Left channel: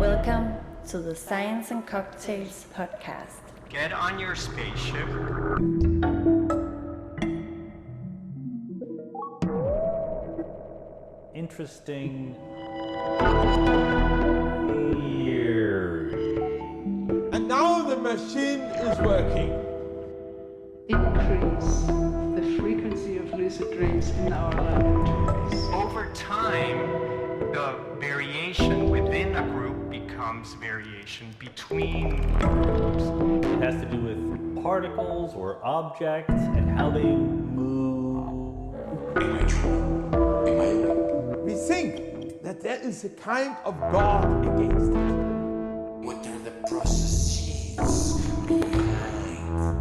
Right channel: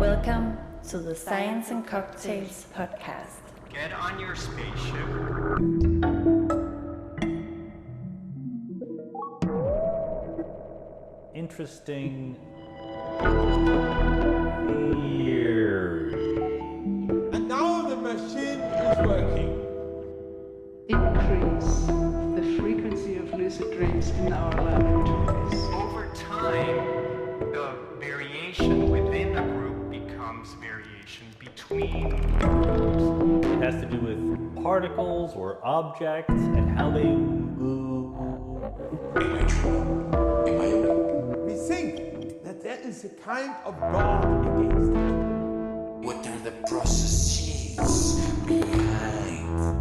Welcome to the Science and Cocktails podcast. Get on your spaceship. Interesting theory. And now the machine is working. Increase the frequency of lucid dreams in our laboratories. Over time, the variation within a group becomes variation between groups. It has to do with particles or objects and how they move. Am I true? Am I awake? We think that there is a kind of God against it. What are the processes behind?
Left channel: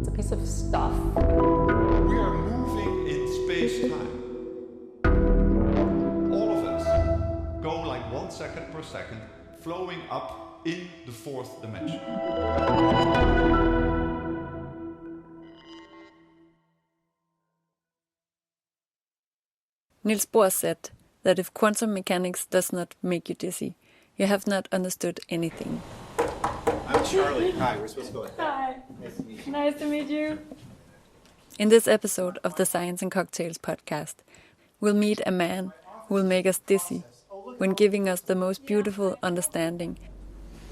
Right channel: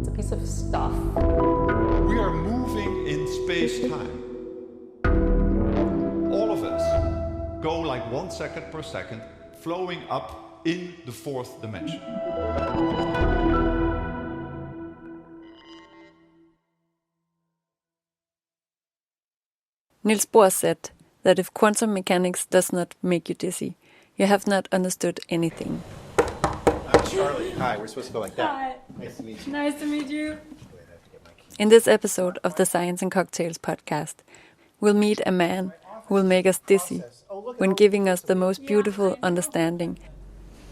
It's a piece of stuff. We are moving in space-time. All of us go like 1 second per second, flowing up in the fourth dimension. Niels Bohr said that if quantum mechanics does not make you dizzy, you have not understood anything. I'm Charlie. Hi, we're supposed to go like that. Hi. Nice to meet you. Nice to meet you. In this episode of the Science and Cocktails podcast, we'll meet a man who will make us dizzy when giving us the most beautiful understanding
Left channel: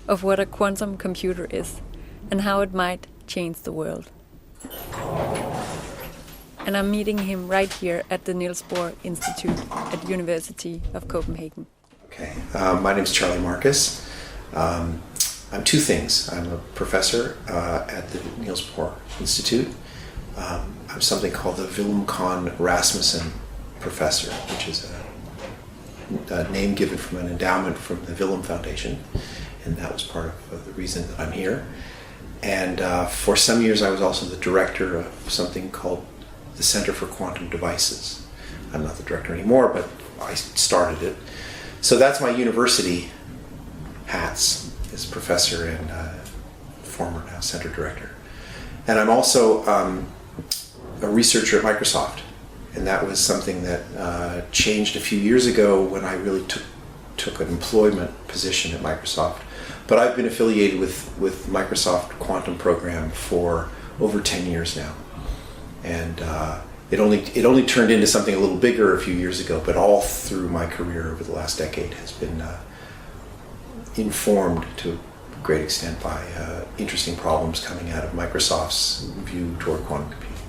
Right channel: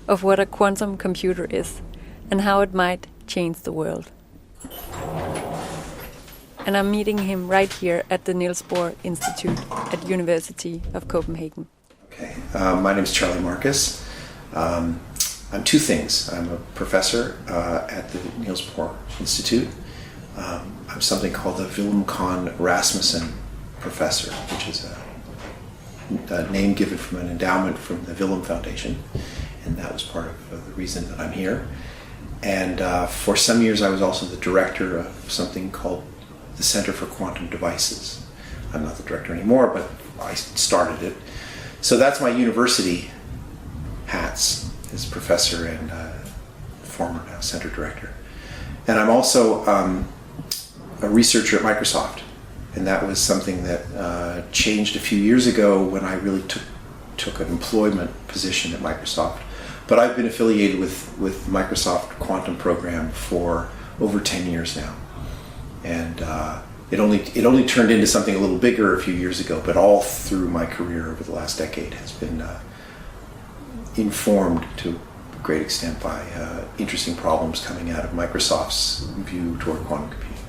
of what a quantum computer is and how it might change the world. And I'm meeting him right here at the Niels Bohr Institute at University of Copenhagen. Okay, my name is Charlie Marcus. I'm two things. I'm a professor at the Niels Bohr Institute. I'm something called the Willem Kohn Rasmussen Professor, which is a name given from an endowment from the Willem Foundation, and that was part of the reason that I'm here. And for some years I was also the director of something called the Center for Quantum Devices. I'm not the director anymore, but I started it. So that's my university hats as professor and former now center director. And I'm also a researcher at Microsoft. And that was something that changed a few years ago when I really took an employment position at Microsoft. But I've been affiliated with Microsoft Quantum Program for over 10 years now. And it only turned into something a little bigger a few years ago, but all through my career over the last decade has been informed to a great extent by interesting problems coming out of Microsoft's view toward quantum computing.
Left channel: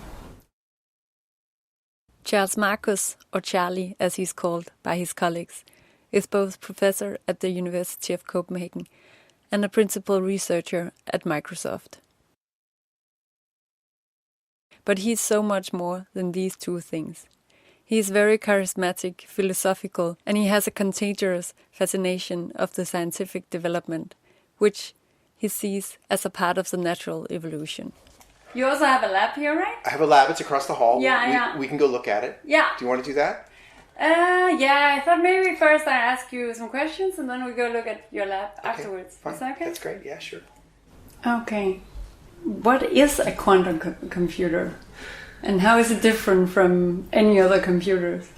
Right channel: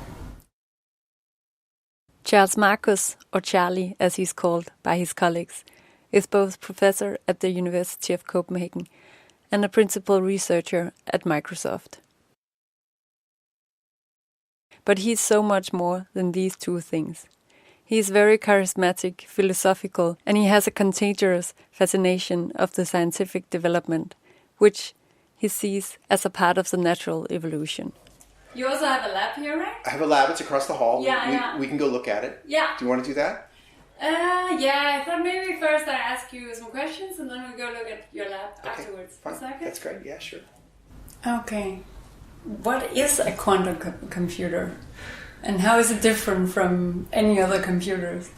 Charles Marcus, or Charlie as he's called by his colleagues, is both professor at the University of Copenhagen and a principal researcher at Microsoft. But he's so much more than these two things. He is very charismatic, philosophical, and he has a contagious fascination of the scientific development, which he sees as a part of the natural evolution. You also have a lab here, right? I have a lab, it's across the hall. Yeah. We can go look at it. Yeah. Do you want to do that? Yeah, I thought maybe first I ask you some questions and then we go look at your lab afterwards. Fine. Is that okay? That's great, yeah, sure. Okay. What is a quantum computer? And how is it different from any other computers?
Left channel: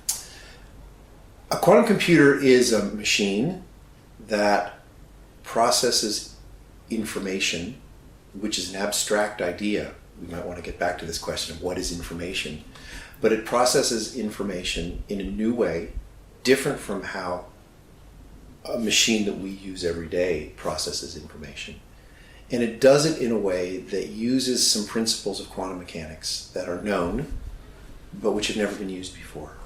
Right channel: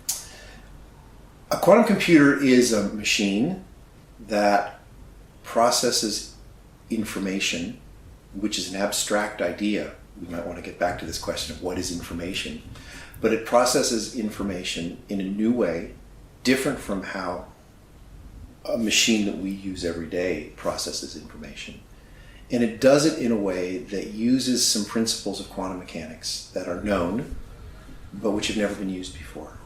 A quantum computer is a machine that processes information, which is an abstract idea. We might want to get back to this question of what is information. But it processes information in a new way, different from how a machine that we use every day processes information. And it does it in a way that uses some principles of quantum mechanics that are known, but which have never been used before.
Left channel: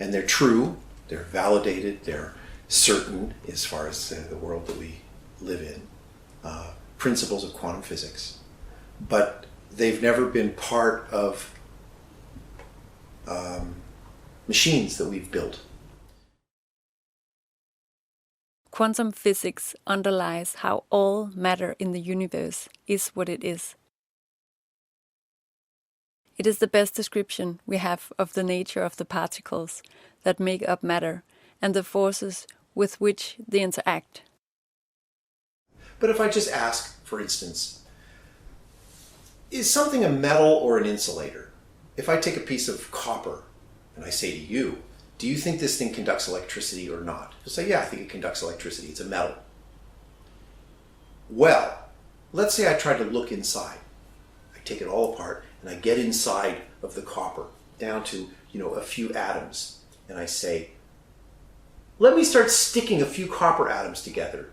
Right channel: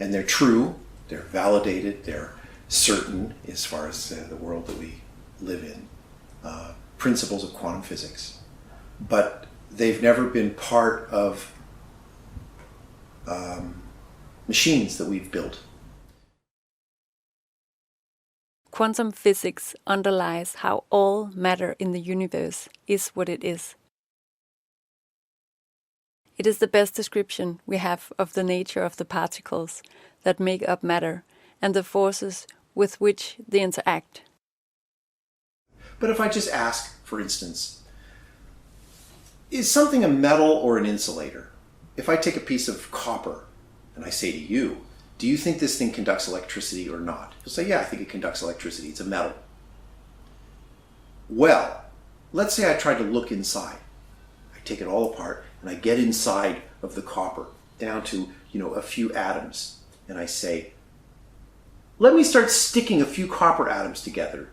And they're true, they're validated, they're certain as far as the world that we live in, principles of quantum physics. But they've never been part of machines that we've built. Quantum physics underlies how all matter in the universe is what it is. It is the best description we have of the nature of the particles that make up matter and the forces with which they interact. But if I just ask, for instance, is something a metal or an insulator? If I take a piece of copper and I say to you, do you think this thing conducts electricity or not? You'll say, yeah, I think it conducts electricity. It's a metal. Well, let's say I tried to look inside. I take it all apart and I get inside of the copper down to, a few atoms. And I say, let me start sticking a few copper atoms together.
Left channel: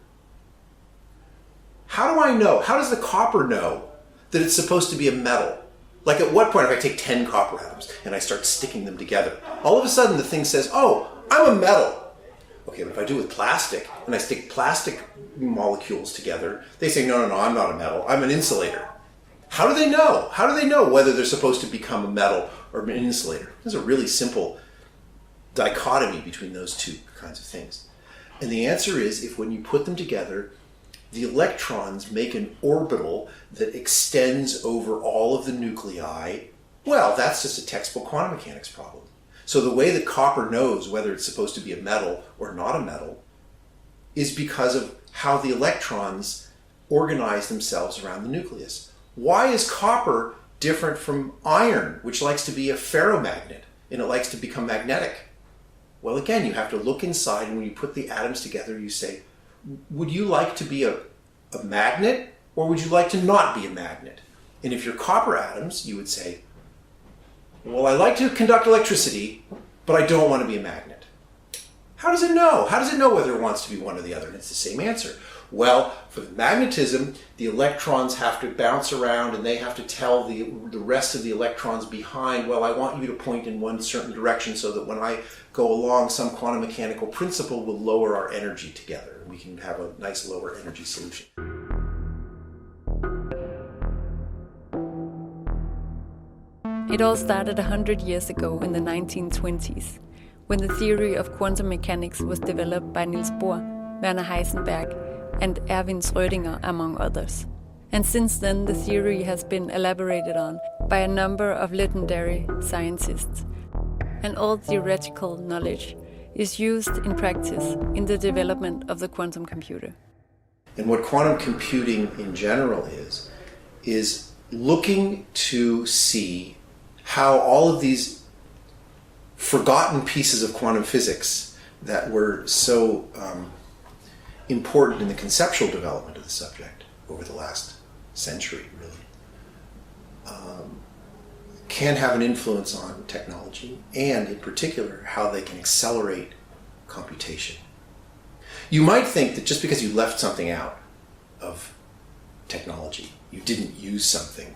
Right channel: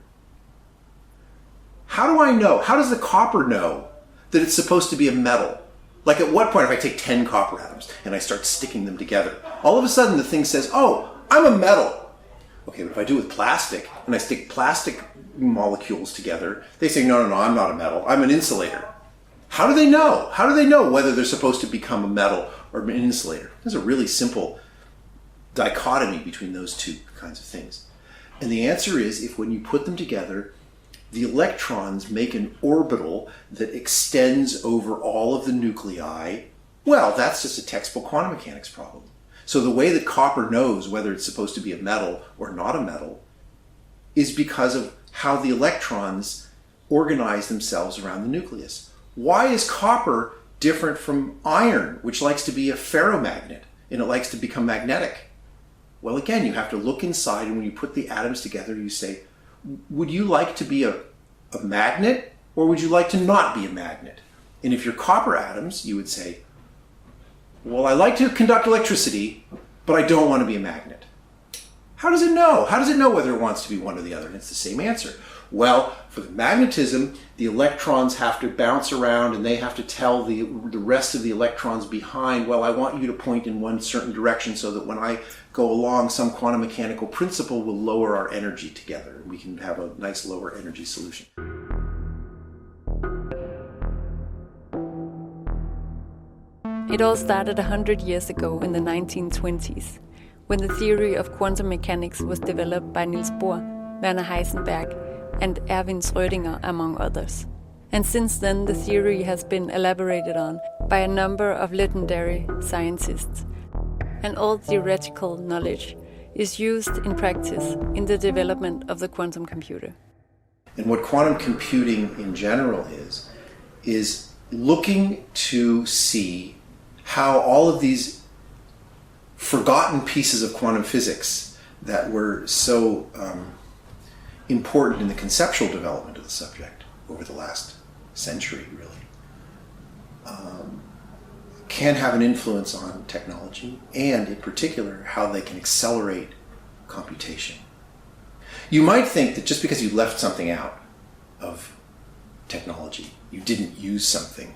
How do I know? How does the copper know that it's supposed to be a metal? Like at what point, if I take 10 copper atoms and I start sticking them together, all of a sudden the thing says, oh, I'm a metal. Okay, but if I do it with plastic and I stick plastic molecules together, they say, no, I'm not a metal. I'm an insulator. How do they know? How do they know whether they're supposed to become a metal or an insulator? There's a really simple dichotomy between those two kinds of things. And the answer is, if when you put them together, the electrons make an orbital that extends over all of the nuclei, well, that's just a textbook quantum mechanics problem. So the way that copper knows whether it's supposed to be a metal or not a metal is because of how the electrons organize themselves around the nucleus. Why is copper different from iron, which likes to be a ferromagnet and it likes to become magnetic? Well, again, you have to look inside, and when you put the atoms together, you say, would you like to be a magnet, or would you like to not be a magnet? And if you're copper atoms, you would say, well, I like to conduct electricity, but I don't want to be a magnet. How does it know? How does it know whether it wants to be one or the other? And it's the same answer. Well, for the magnetism, the electrons have to bounce around and they have to tell the rest of the electrons behind, well, I want you to point in one certain direction so that when I go along, some quantum mechanical principle will lower our energy together. And we can have a nice lower energy solution. It all started 100 years ago in the 1920s, when the theory of quantum mechanics was developed by Niels Bohr, Werner Heisenberg, and Erwin Schrödinger, among others. And since then, the theory has been elaborated on by a number of legendary scientists. And all theoretical knowledge is used in practice in the development of the quantum computer. And what quantum computing in general is looking to see how all of these forgotten pieces of quantum physics that were so important in the conceptual development of the subject over the last century, really, can have an influence on technology, and in particular, how they can accelerate computation. You might think that just because you left something out of technology, you didn't use something,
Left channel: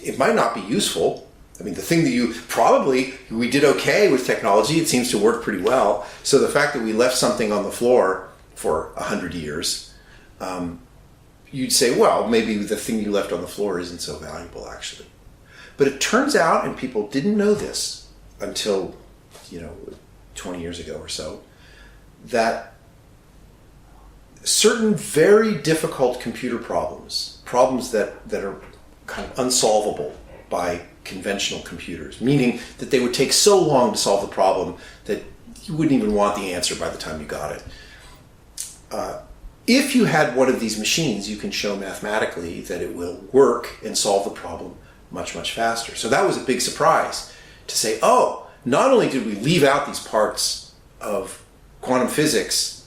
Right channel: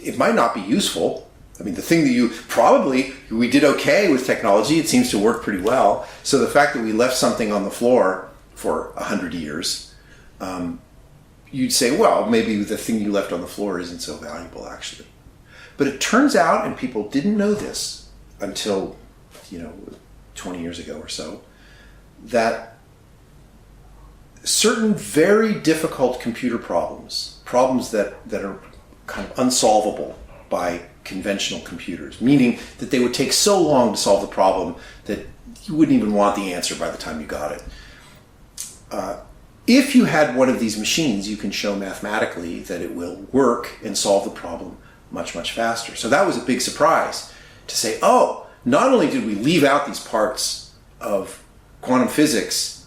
it might not be useful. I mean, the thing that we did okay with technology, it seems to work pretty well. So the fact that we left something on the floor for 100 years, you'd say, well, maybe the thing you left on the floor isn't so valuable, actually. But it turns out, and people didn't know this until, 20 years ago or so, that certain very difficult computer problems that are kind of unsolvable by conventional computers, meaning that they would take so long to solve the problem that you wouldn't even want the answer by the time you got it. If you had one of these machines, you can show mathematically that it will work and solve the problem much, much faster. So that was a big surprise to say, oh, not only did we leave out these parts of quantum physics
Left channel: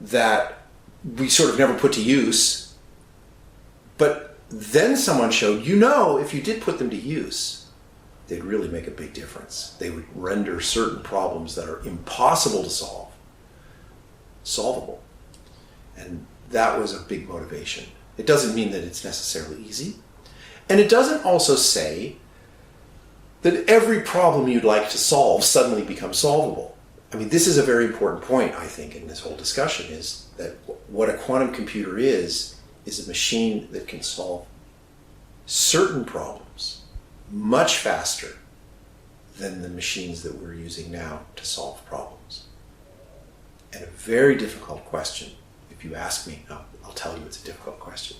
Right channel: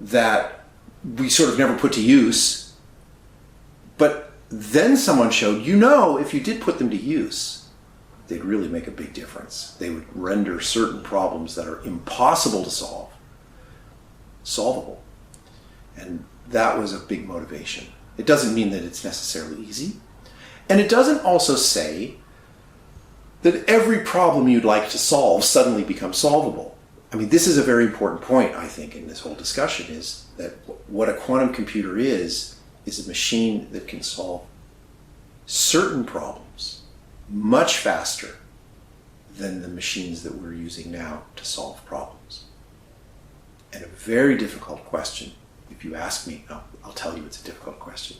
that we sort of never put to use, but then someone showed, if you did put them to use, they'd really make a big difference. They would render certain problems that are impossible to solve solvable. And that was a big motivation. It doesn't mean that it's necessarily easy. And it doesn't also say that every problem you'd like to solve suddenly becomes solvable. I mean, this is a very important point, I think, in this whole discussion, is that what a quantum computer is a machine that can solve certain problems much faster than the machines that we're using now to solve problems. And a very difficult question, if you ask me, I'll tell you it's a difficult question,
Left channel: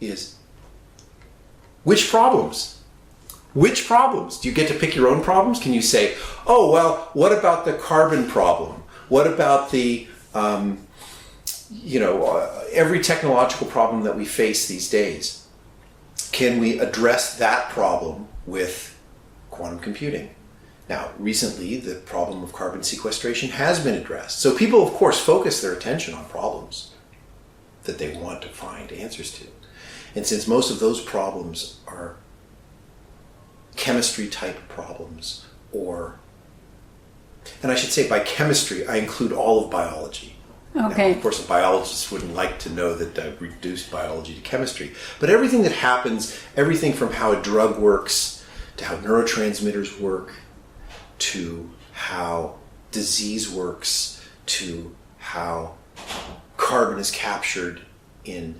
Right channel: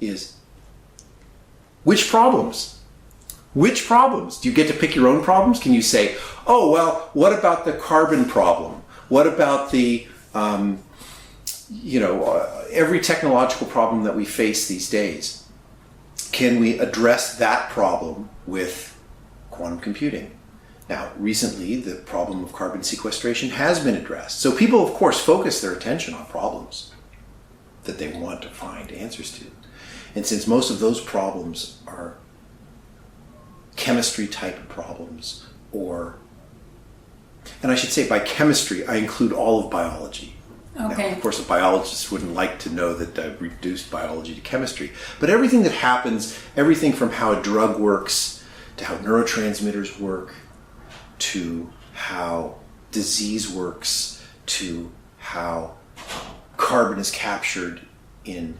is which problems? Which problems? Do you get to pick your own problems? Can you say, oh, well, what about the carbon problem? What about the, every technological problem that we face these days? Can we address that problem with quantum computing? Now, recently, the problem of carbon sequestration has been addressed. So people, of course, focus their attention on problems. that they want to find answers to. And since most of those problems are chemistry type problems, and I should say by chemistry, I include all of biology. Okay. Now, of course, a biologist wouldn't like to know that I've reduced biology to chemistry. But everything that happens, everything from how a drug works, to how neurotransmitters work, to how disease works, to how carbon is captured in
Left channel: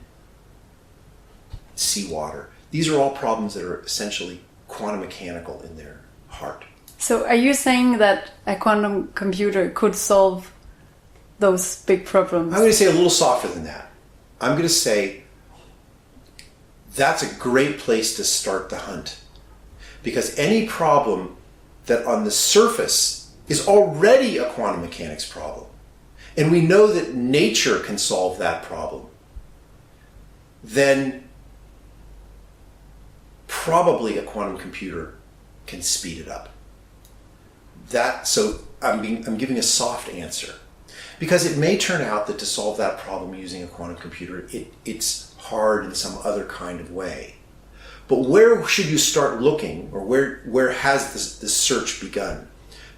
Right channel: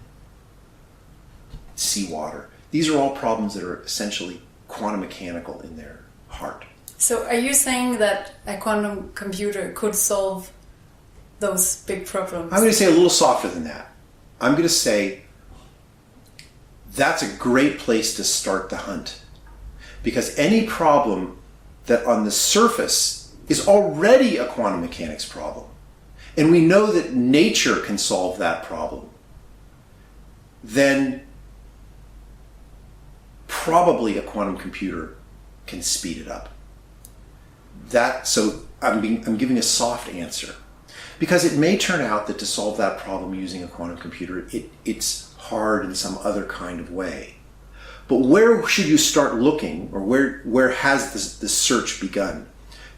seawater. These are all problems that are essentially quantum mechanical in their heart. So are you saying that a quantum computer could solve those big problems? I'm going to say a little softer than that. I'm going to say that's a great place to start the hunt. Because any problem that on the surface is already a quantum mechanics problem, and we know that nature can solve that problem, then probably a quantum computer can speed it up. So I'm giving a soft answer. Because it may turn out that to solve that problem using a quantum computer, it's hard in some other kind of way. But where should you start looking, or where has this search begun?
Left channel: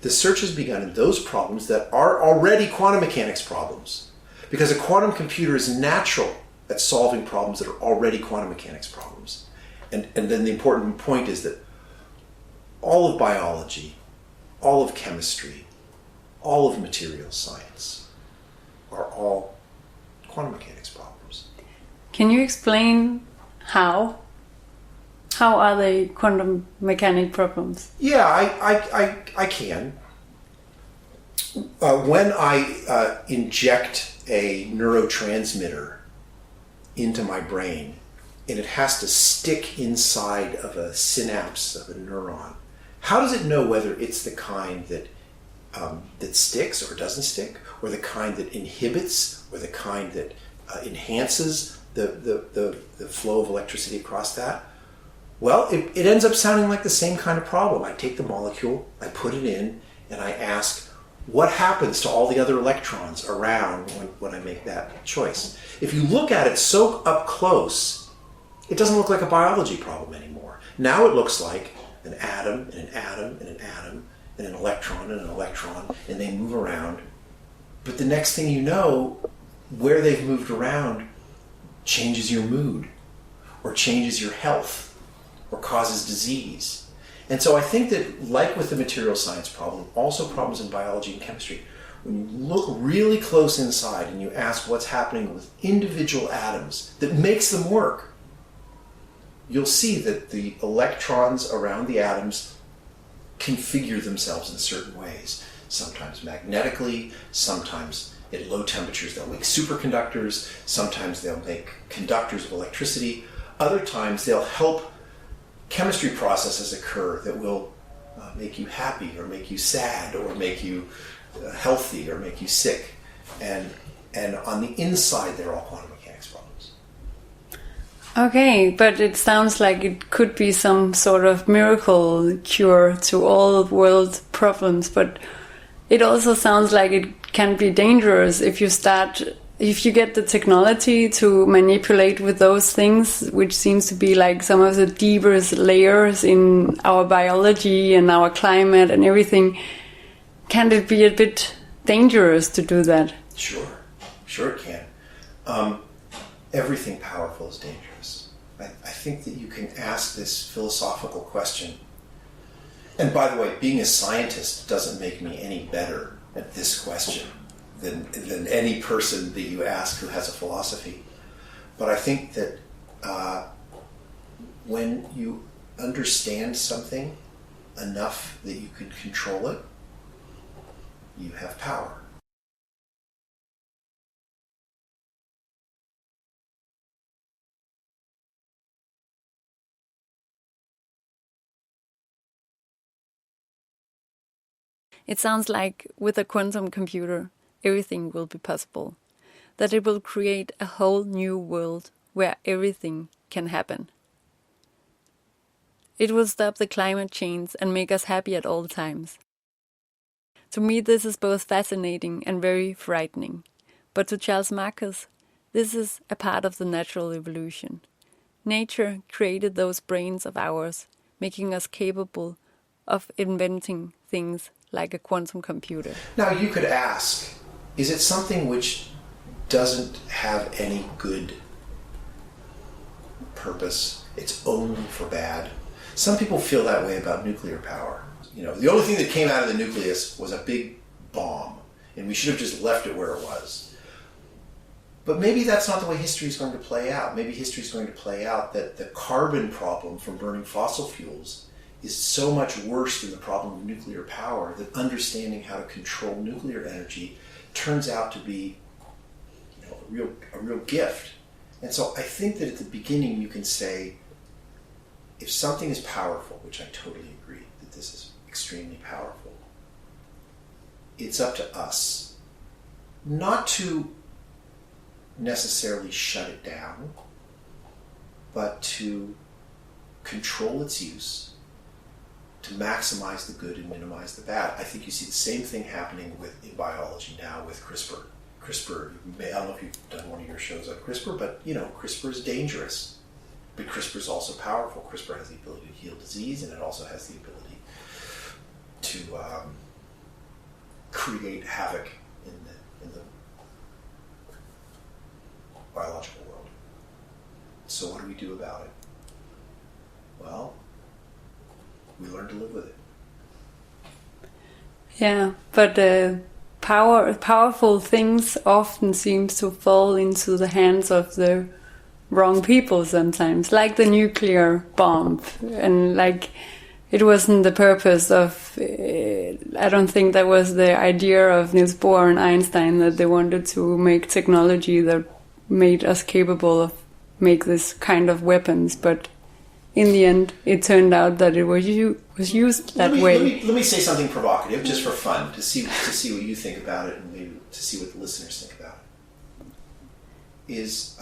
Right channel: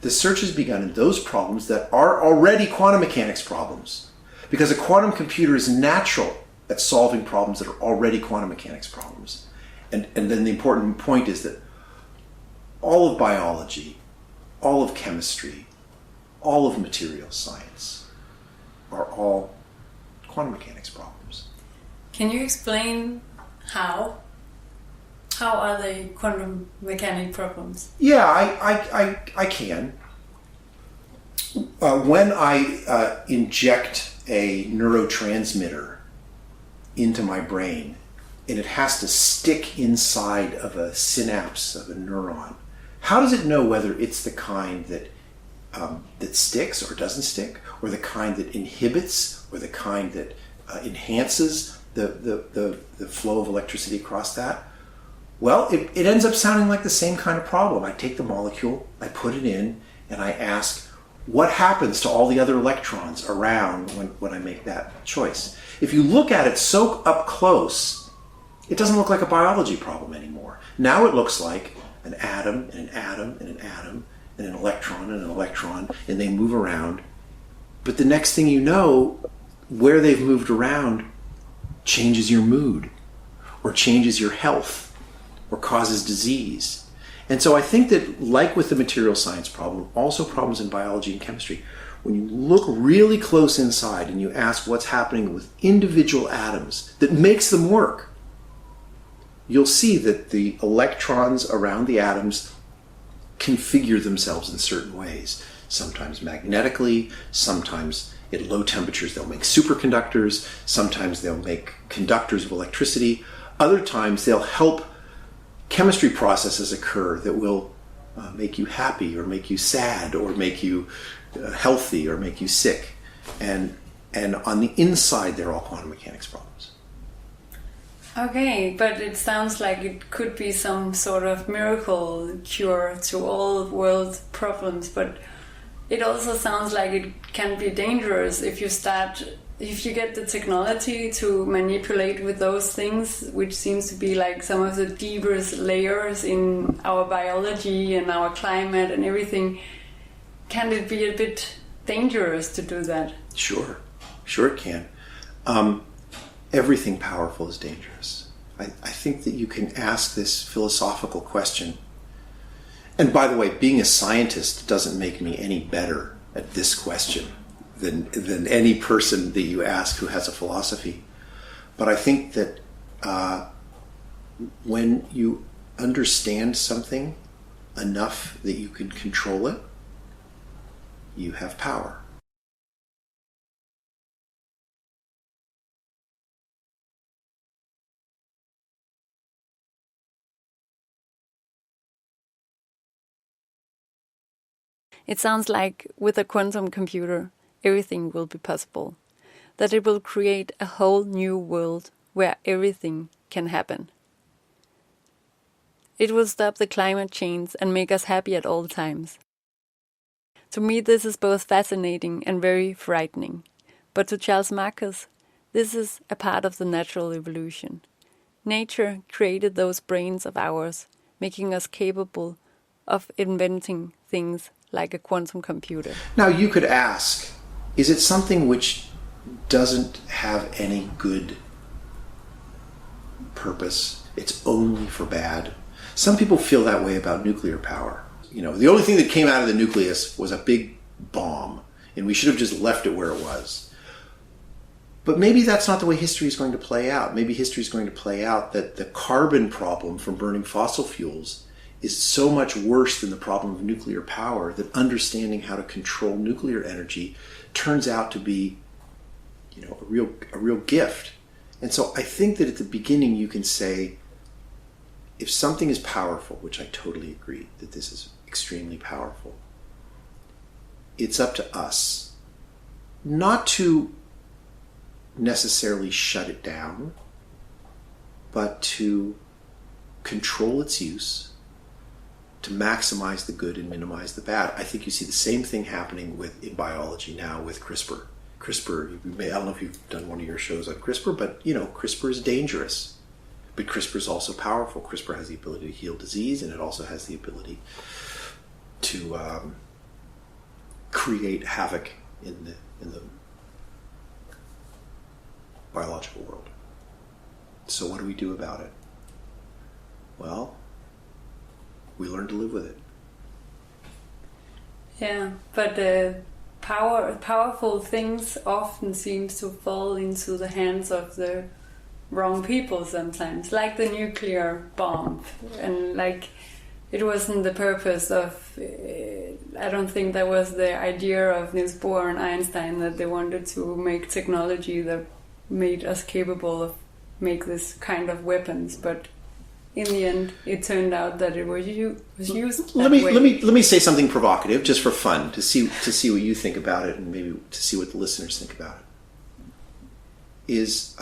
The search has begun in those problems that are already quantum mechanics problems. Because a quantum computer is natural at solving problems that are already quantum mechanics problems. And then the important point is that all of biology, all of chemistry, all of material science are all quantum mechanics problems. Can you explain how? How are they quantum mechanic problems? Yeah, I can. When I inject a neurotransmitter into my brain, and it has to stick inside of a synapse of a neuron, how does it know whether it's the kind that sticks or doesn't stick, or the kind that inhibits, or the kind that enhances the flow of electricity across that? Well, it ends up sounding like the same kind of problem. I take the molecule, I put it in, and I ask, what happens to all the other electrons around when I make that choice? If you look at it so up close, it doesn't look like a biology problem anymore. Now it looks like an atom and an atom and an atom and an electron and an electron, and they move around. But the next thing you know, where they've moved around changes your mood, or changes your health, or causes disease. And so I think that, like with the material science problem, also problems in biology and chemistry, when you look really close inside and you ask what's happening with individual atoms that makes them work, you'll see that the electrons around the atoms configure themselves in certain ways. Sometimes magnetically, sometimes at low temperatures they'll make superconductors, sometimes they'll make conductors of electricity, other times they'll help chemistry processes occur that will make you happy, or make you sad, or make you healthy, or make you sick. And on the inside, they're all quantum mechanics problems. Okay, but it sounds like it could be some sort of miracle cure to all world problems, but it also sounds like it can be dangerous if you get the technology to manipulate with those things, which seems to be like some of the deepest layers in our biology and our climate and everything. Can it be a bit dangerous to do that? Sure it can. Everything powerful is dangerous. I think that you can ask this philosophical question. And by the way, being a scientist doesn't make me any better at this question than any person that you ask who has a philosophy. But I think that when you understand something enough that you can control it, you have power. It sounds like with a quantum computer, everything will be possible. That it will create a whole new world where everything can happen. It will stop the climate change and make us happy at all times. To me, this is both fascinating and very frightening. But to Charles Marcus, This is a part of the natural evolution. Nature created those brains of ours, making us capable of inventing things like a quantum computer. Now you could ask, is it something which doesn't have any good purpose? It's only for bad? Some people feel that way about nuclear power. You know, the only thing that came out of the nucleus was a big bomb, and we should have just left it where it was. But maybe that's not the way history is going to play out. Maybe history is going to play out that the carbon problem from burning fossil fuels is so much worse than the problem of nuclear power that understanding how to control nuclear energy turns out to be, you know, a real gift. And so I think that at the beginning you can say, if something is powerful, which I totally agree that this is extremely powerful, it's up to us not to necessarily shut it down, but to control its use, to maximize the good and minimize the bad. I think you see the same thing happening in biology now with CRISPR. I don't know if you've done one of your shows on CRISPR, but you know, CRISPR is dangerous. But CRISPR is also powerful. CRISPR has the ability to heal disease, and it also has the ability to create havoc in the biological world. So what do we do about it? Well, we learn to live with it. Yeah, but powerful things often seem to fall into the hands of the wrong people sometimes, like the nuclear bomb. And like, it wasn't the purpose of, I don't think that was the idea of Niels Bohr and Einstein, that they wanted to make technology that made us capable of make this kind of weapons, but in the end it turned out that it was used that way. Let me say something provocative just for fun, to see what you think about it, and maybe to see what the listeners think about it. Is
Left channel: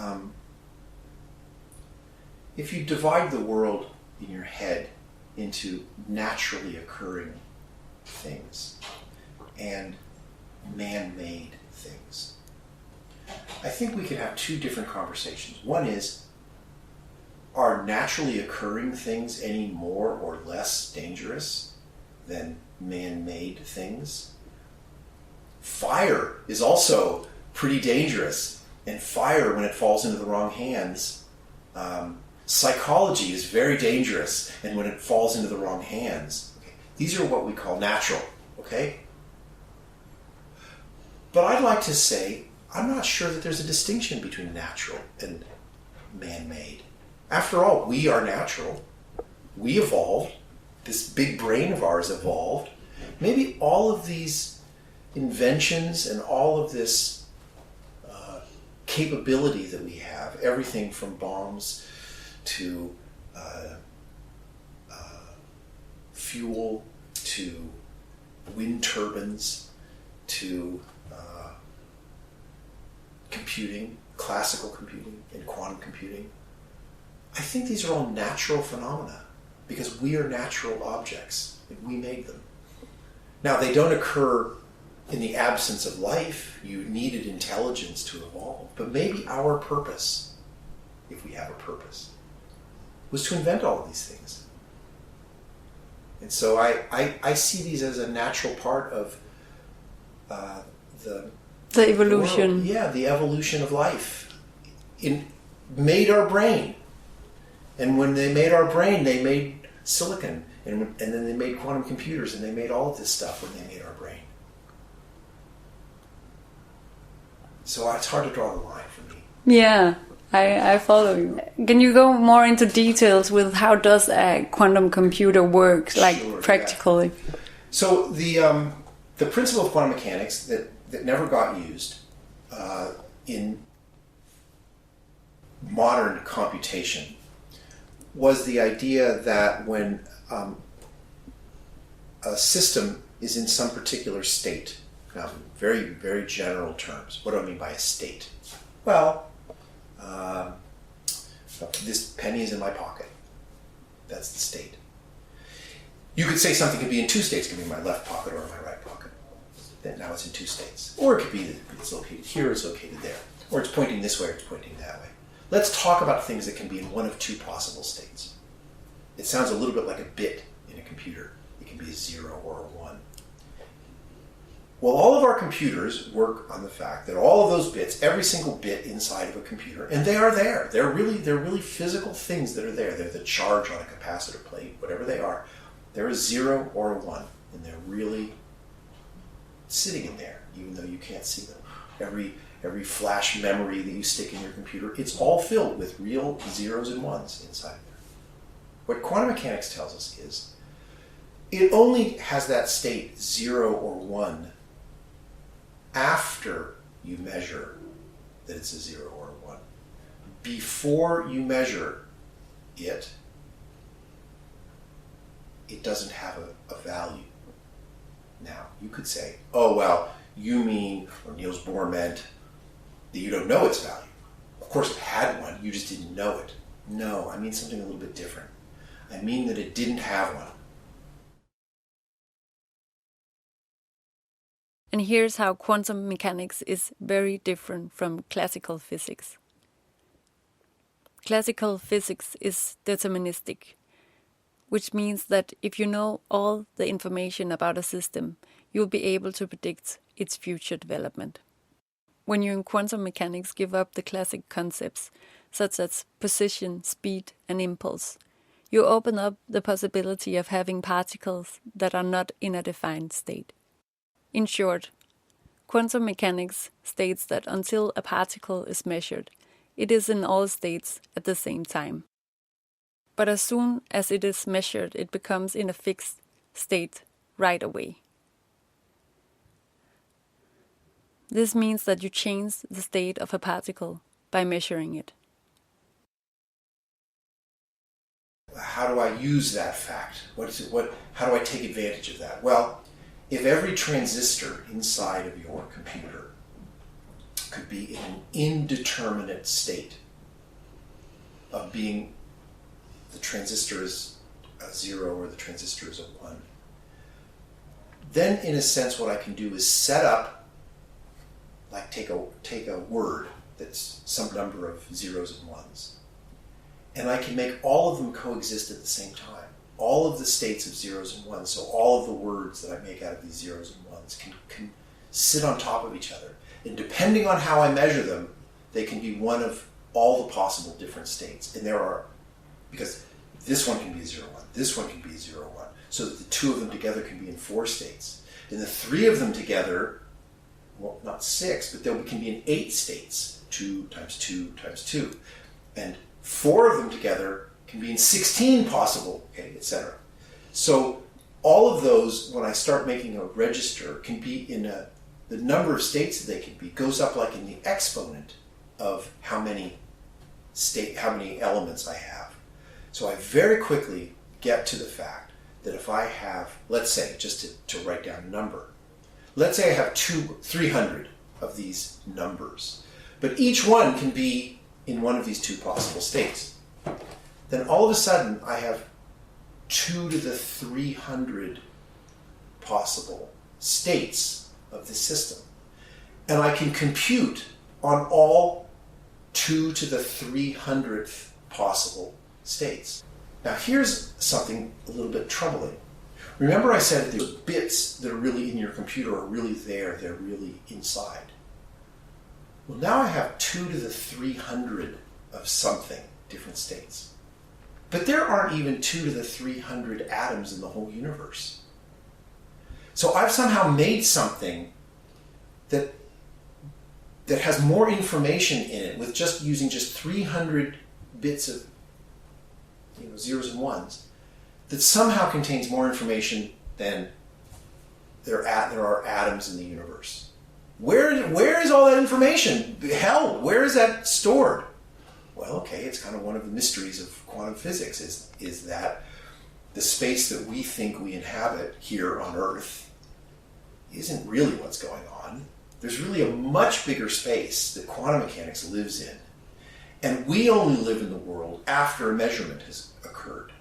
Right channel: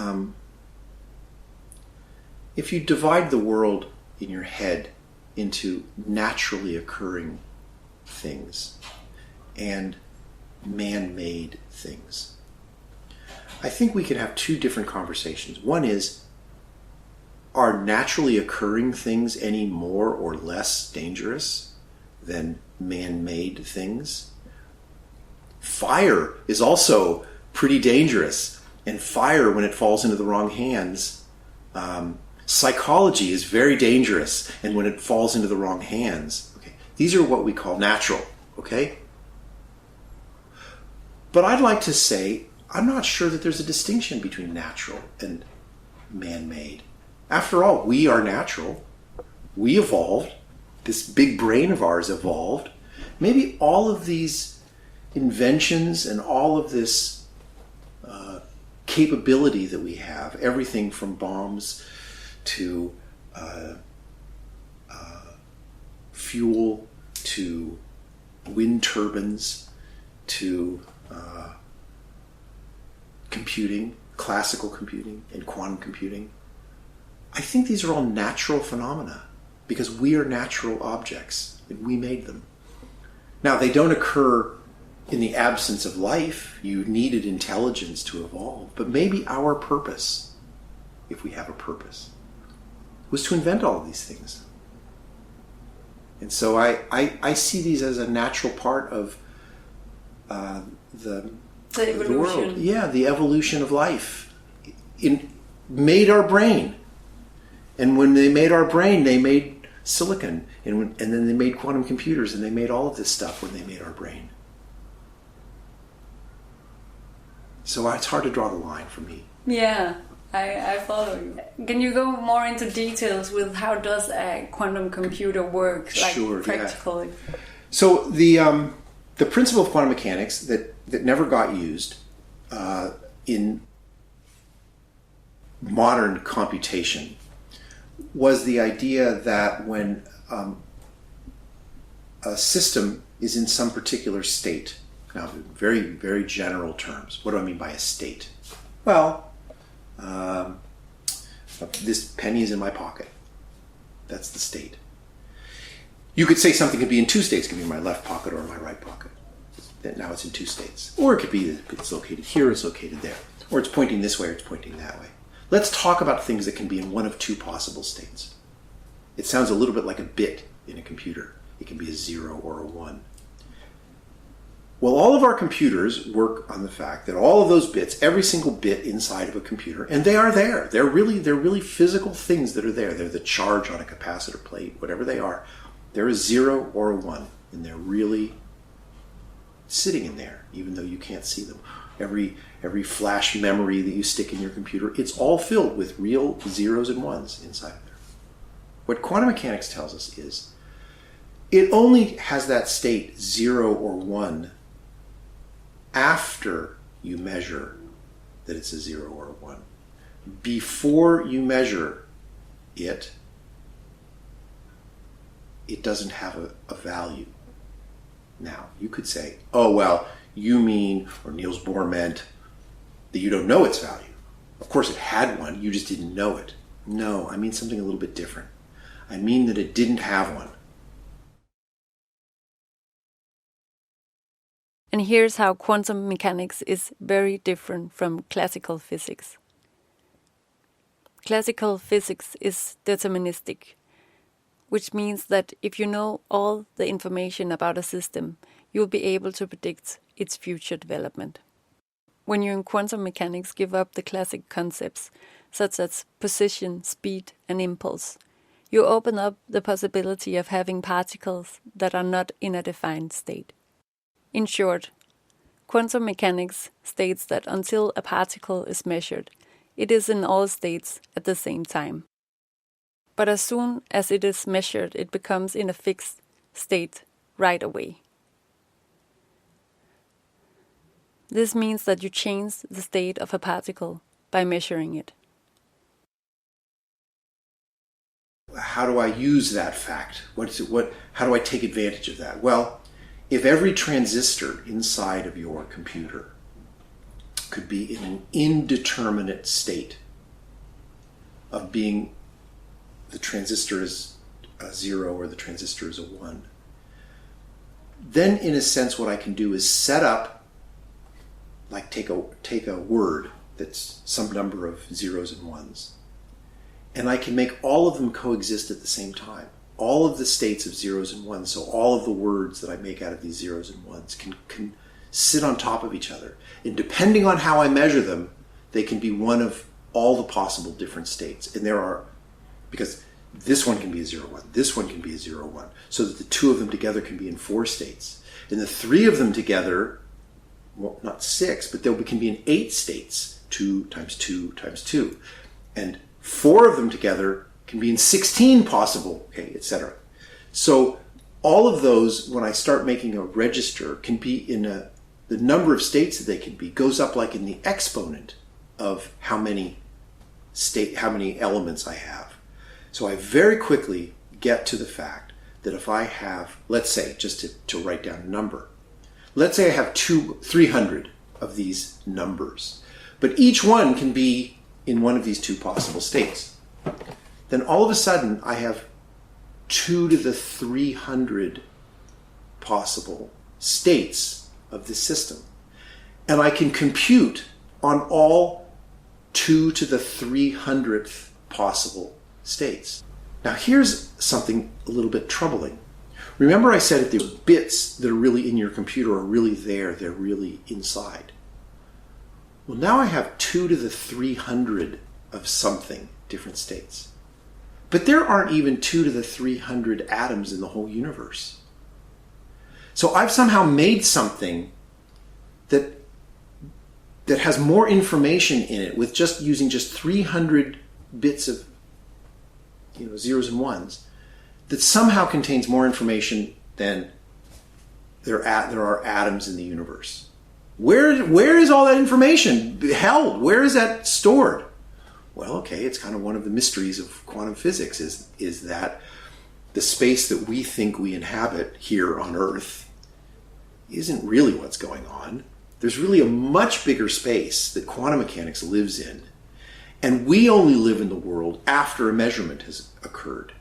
if you divide the world in your head into naturally occurring things and man-made things, I think we could have two different conversations. One is, are naturally occurring things any more or less dangerous than man-made things? Fire is also pretty dangerous, and fire, when it falls into the wrong hands, psychology is very dangerous, and when it falls into the wrong hands, okay, these are what we call natural, okay? But I'd like to say, I'm not sure that there's a distinction between natural and man-made. After all, we are natural. We evolved. This big brain of ours evolved. Maybe all of these inventions and all of this capability that we have, everything from bombs to fuel to wind turbines to computing, classical computing and quantum computing, I think these are all natural phenomena because we are natural objects and we made them. Now, they don't occur in the absence of life. You needed intelligence to evolve, but maybe our purpose, if we have a purpose, was to invent all of these things. And so I see these as a natural part of the evolution. The world. Yeah, the evolution of life. Made our brain. And when they made our brain, they made silicon. And then they made quantum computers, and they made all of this stuff when they made our brain. So it's hard to draw the line for me. Yeah, I follow you. Can you go more into details with how does a quantum computer work, like Sure, practically? Yeah. So the principle of quantum mechanics that never got used in modern computation was the idea that when a system is in some particular state, now very, very general terms, what do I mean by a state? Well, this penny is in my pocket. That's the state. You could say something could be in two states. It could be in my left pocket or in my right pocket. Now it's in two states. Or it could be that it's located here, it's located there. or it's pointing this way or it's pointing that way. Let's talk about things that can be in one of two possible states. It sounds a little bit like a bit in a computer. It can be a 0 or a 1. Well, all of our computers work on the fact that all of those bits, every single bit inside of a computer, and they are there. They're really physical things that are there. They're the charge on a capacitor plate, whatever they are. They're a 0 or a 1, and they're really sitting in there, even though you can't see them. Every flash memory that you stick in your computer, it's all filled with real zeros and ones inside there. What quantum mechanics tells us is it only has that state 0 or 1 after you measure that it's a 0 or a 1. Before you measure it, it doesn't have a value. Now, you could say, oh, well, you mean, or Niels Bohr meant, that you don't know its value. Of course, it had one, you just didn't know it. No, I mean something a little bit different. I mean that it didn't have one. And here's how quantum mechanics is very different from classical physics. Classical physics is deterministic, which means that if you know all the information about a system, you'll be able to predict its future development. When you in quantum mechanics give up the classic concepts, such as position, speed, and impulse, you open up the possibility of having particles that are not in a defined state. In short, quantum mechanics states that until a particle is measured, it is in all states at the same time. But as soon as it is measured, it becomes in a fixed state right away. This means that you change the state of a particle by measuring it. How do I use that fact? How do I take advantage of that? Well, if every transistor inside of your computer could be in an indeterminate state of being the transistor is a 0 or the transistor is a 1, then in a sense what I can do is set up, like take a word that's some number of zeros and ones, and I can make all of them coexist at the same time. All of the states of zeros and ones, so all of the words that I make out of these zeros and ones can sit on top of each other. And depending on how I measure them, they can be one of all the possible different states. And there are, because this one can be a 0, 1, this one can be a 0, 1, so that the two of them together can be in 4 states. And the 3 of them together, well, not 6, but there can be in 8 states, 2 times 2 times 2. And 4 of them together can be in 16 possible, okay, etc. So all of those, when I start making a register, can be in the number of states that they can be goes up like in the exponent of how many elements I have. So I very quickly get to the fact that if I have, let's say, just to write down a number, let's say I have 300 of these numbers, but each one can be in one of these 2 possible states. Then all of a sudden I have 2 to the 300 possible states of the system. And I can compute on all 2 to the 300th possible states. Now here's something a little bit troubling. Remember I said that the bits that are really in your computer are really there, they're really inside. Well, now I have 2 to the 300 of something, different states. But there aren't even 2 to the 300 atoms in the whole universe. So I've somehow made something that has more information in it with just using just 300 bits of zeros and ones, that somehow contains more information than there are atoms in the universe. Where is all that information held? Where is that stored? Well, okay, it's kind of one of the mysteries of quantum physics is that the space that we think we inhabit here on Earth isn't really what's going on. There's really a much bigger space that quantum mechanics lives in. And we only live in the world after a measurement has occurred.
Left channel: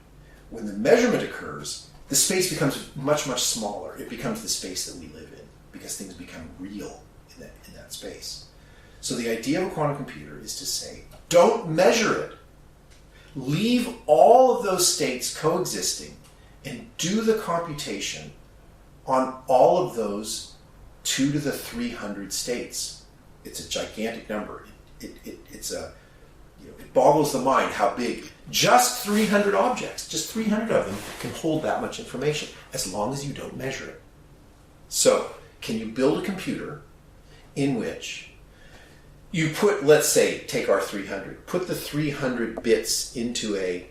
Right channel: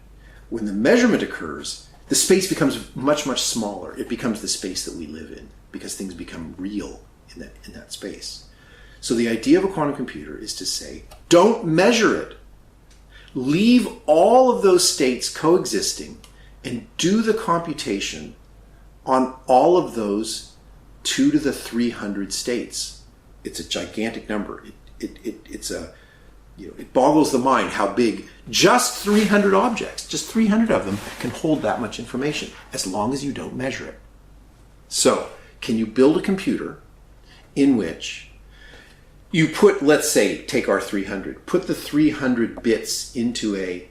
When the measurement occurs, the space becomes much, much smaller. It becomes the space that we live in because things become real in that space. So the idea of a quantum computer is to say, don't measure it. Leave all of those states coexisting and do the computation on all of those 2 to the 300 states. It's a gigantic number. It boggles the mind how big just 300 objects, just 300 of them, can hold that much information as long as you don't measure it. So, can you build a computer in which you put, let's say, take our 300, put the 300 bits into a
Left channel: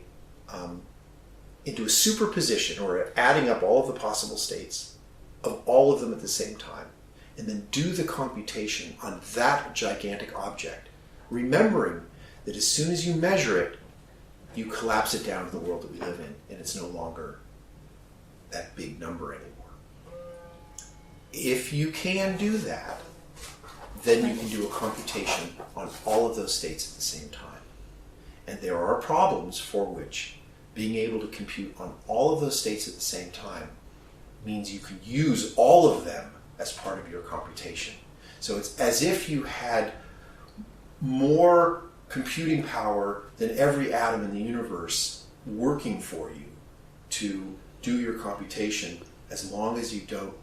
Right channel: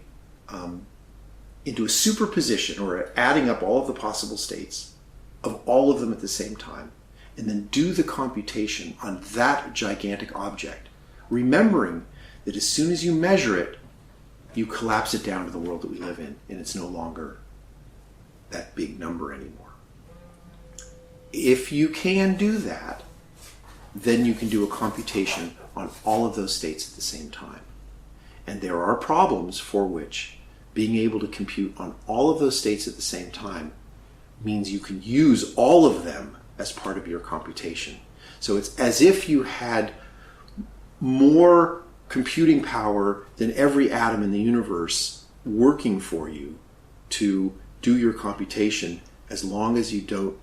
superposition, or adding up all of the possible states of all of them at the same time, and then do the computation on that gigantic object, remembering that as soon as you measure it, you collapse it down to the world that we live in, and it's no longer that big number anymore. If you can do that, then you can do a computation on all of those states at the same time. And there are problems for which being able to compute on all of those states at the same time means you can use all of them as part of your computation. So it's as if you had more computing power than every atom in the universe working for you to do your computation, as long as you don't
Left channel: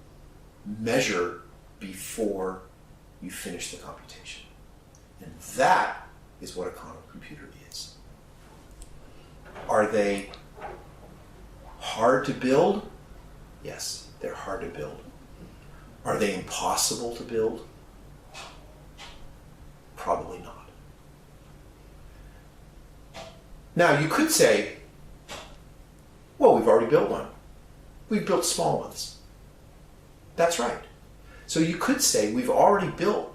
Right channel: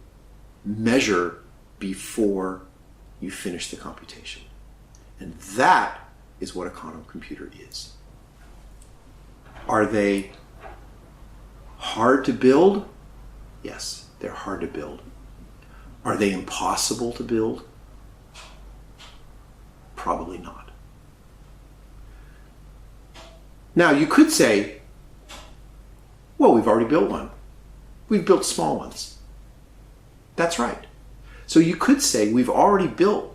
measure before you finish the computation. And that is what a quantum computer is. Are they hard to build? Yes, they're hard to build. Are they impossible to build? Probably not. Now, you could say, well, we've already built one. We've built small ones. That's right. So you could say we've already built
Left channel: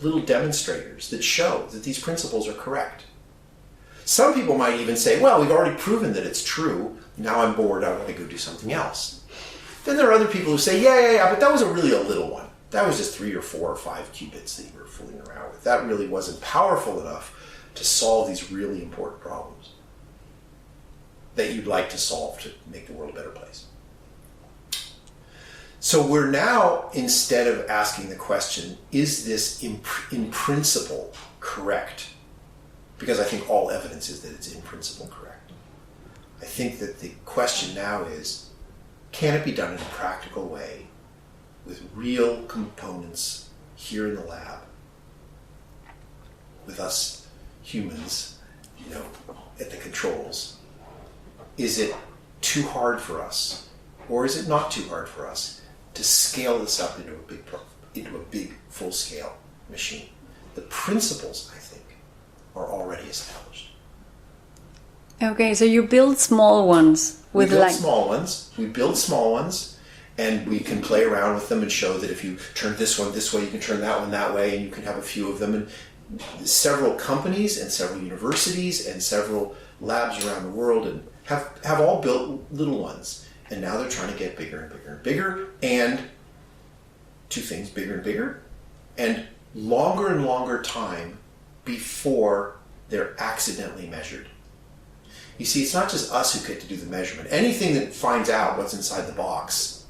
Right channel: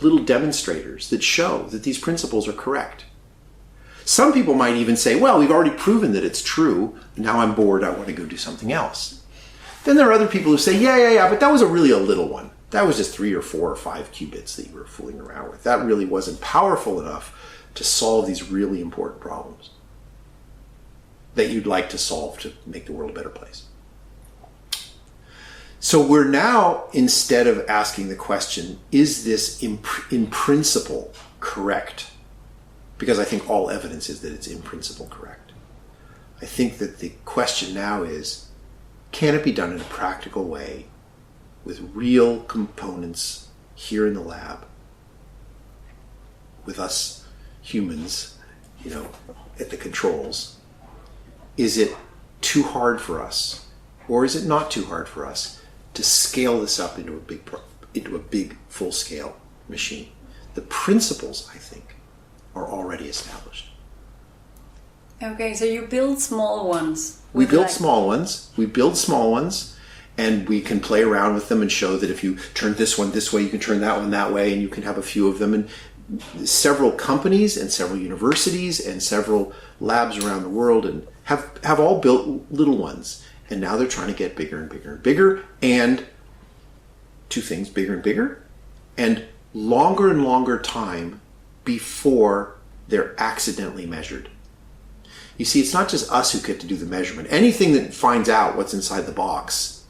little demonstrators that show that these principles are correct. Some people might even say, well, we've already proven that it's true. Now I'm bored. I want to go do something else. Then there are other people who say, yeah, but that was really a little one. That was just 3 or 4 or 5 qubits that you were fooling around with. That really wasn't powerful enough to solve these really important problems that you'd like to solve to make the world a better place. So we're now, instead of asking the question, is this in principle correct? Because I think all evidence is that it's in principle correct. I think that the question now is, can it be done in a practical way with real components here in the lab, with us humans, at the controls? Is it too hard for us, or is it not too hard for us to scale this up into a big full-scale machine? The principles, I think, are already established. Okay, so you build small ones. We build small ones, and we can play around with them and show that if you turn this one this way, you can turn that one that way, and you can have a few of them. And several companies and several universities and several labs around the world and have all built little ones. And now they're trying to get bigger and bigger and bigger, and two things, bigger and bigger, and longer time before they're accidentally measured. You see, it's not just us who get to do the measurement. Anything that finds out what's inside the box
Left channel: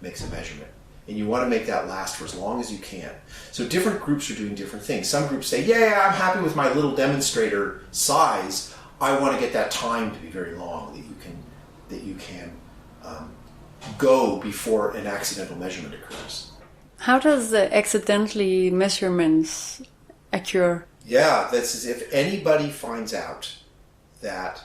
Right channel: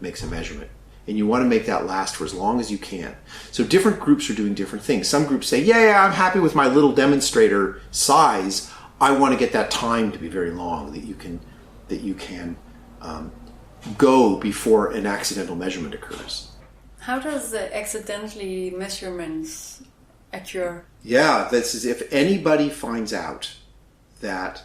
makes a measurement. And you want to make that last for as long as you can. So different groups are doing different things. Some groups say, yeah, I'm happy with my little demonstrator size. I want to get that time to be very long, that you can go before an accidental measurement occurs. How does the accidentally measurements occur? Yeah, that's as if anybody finds out that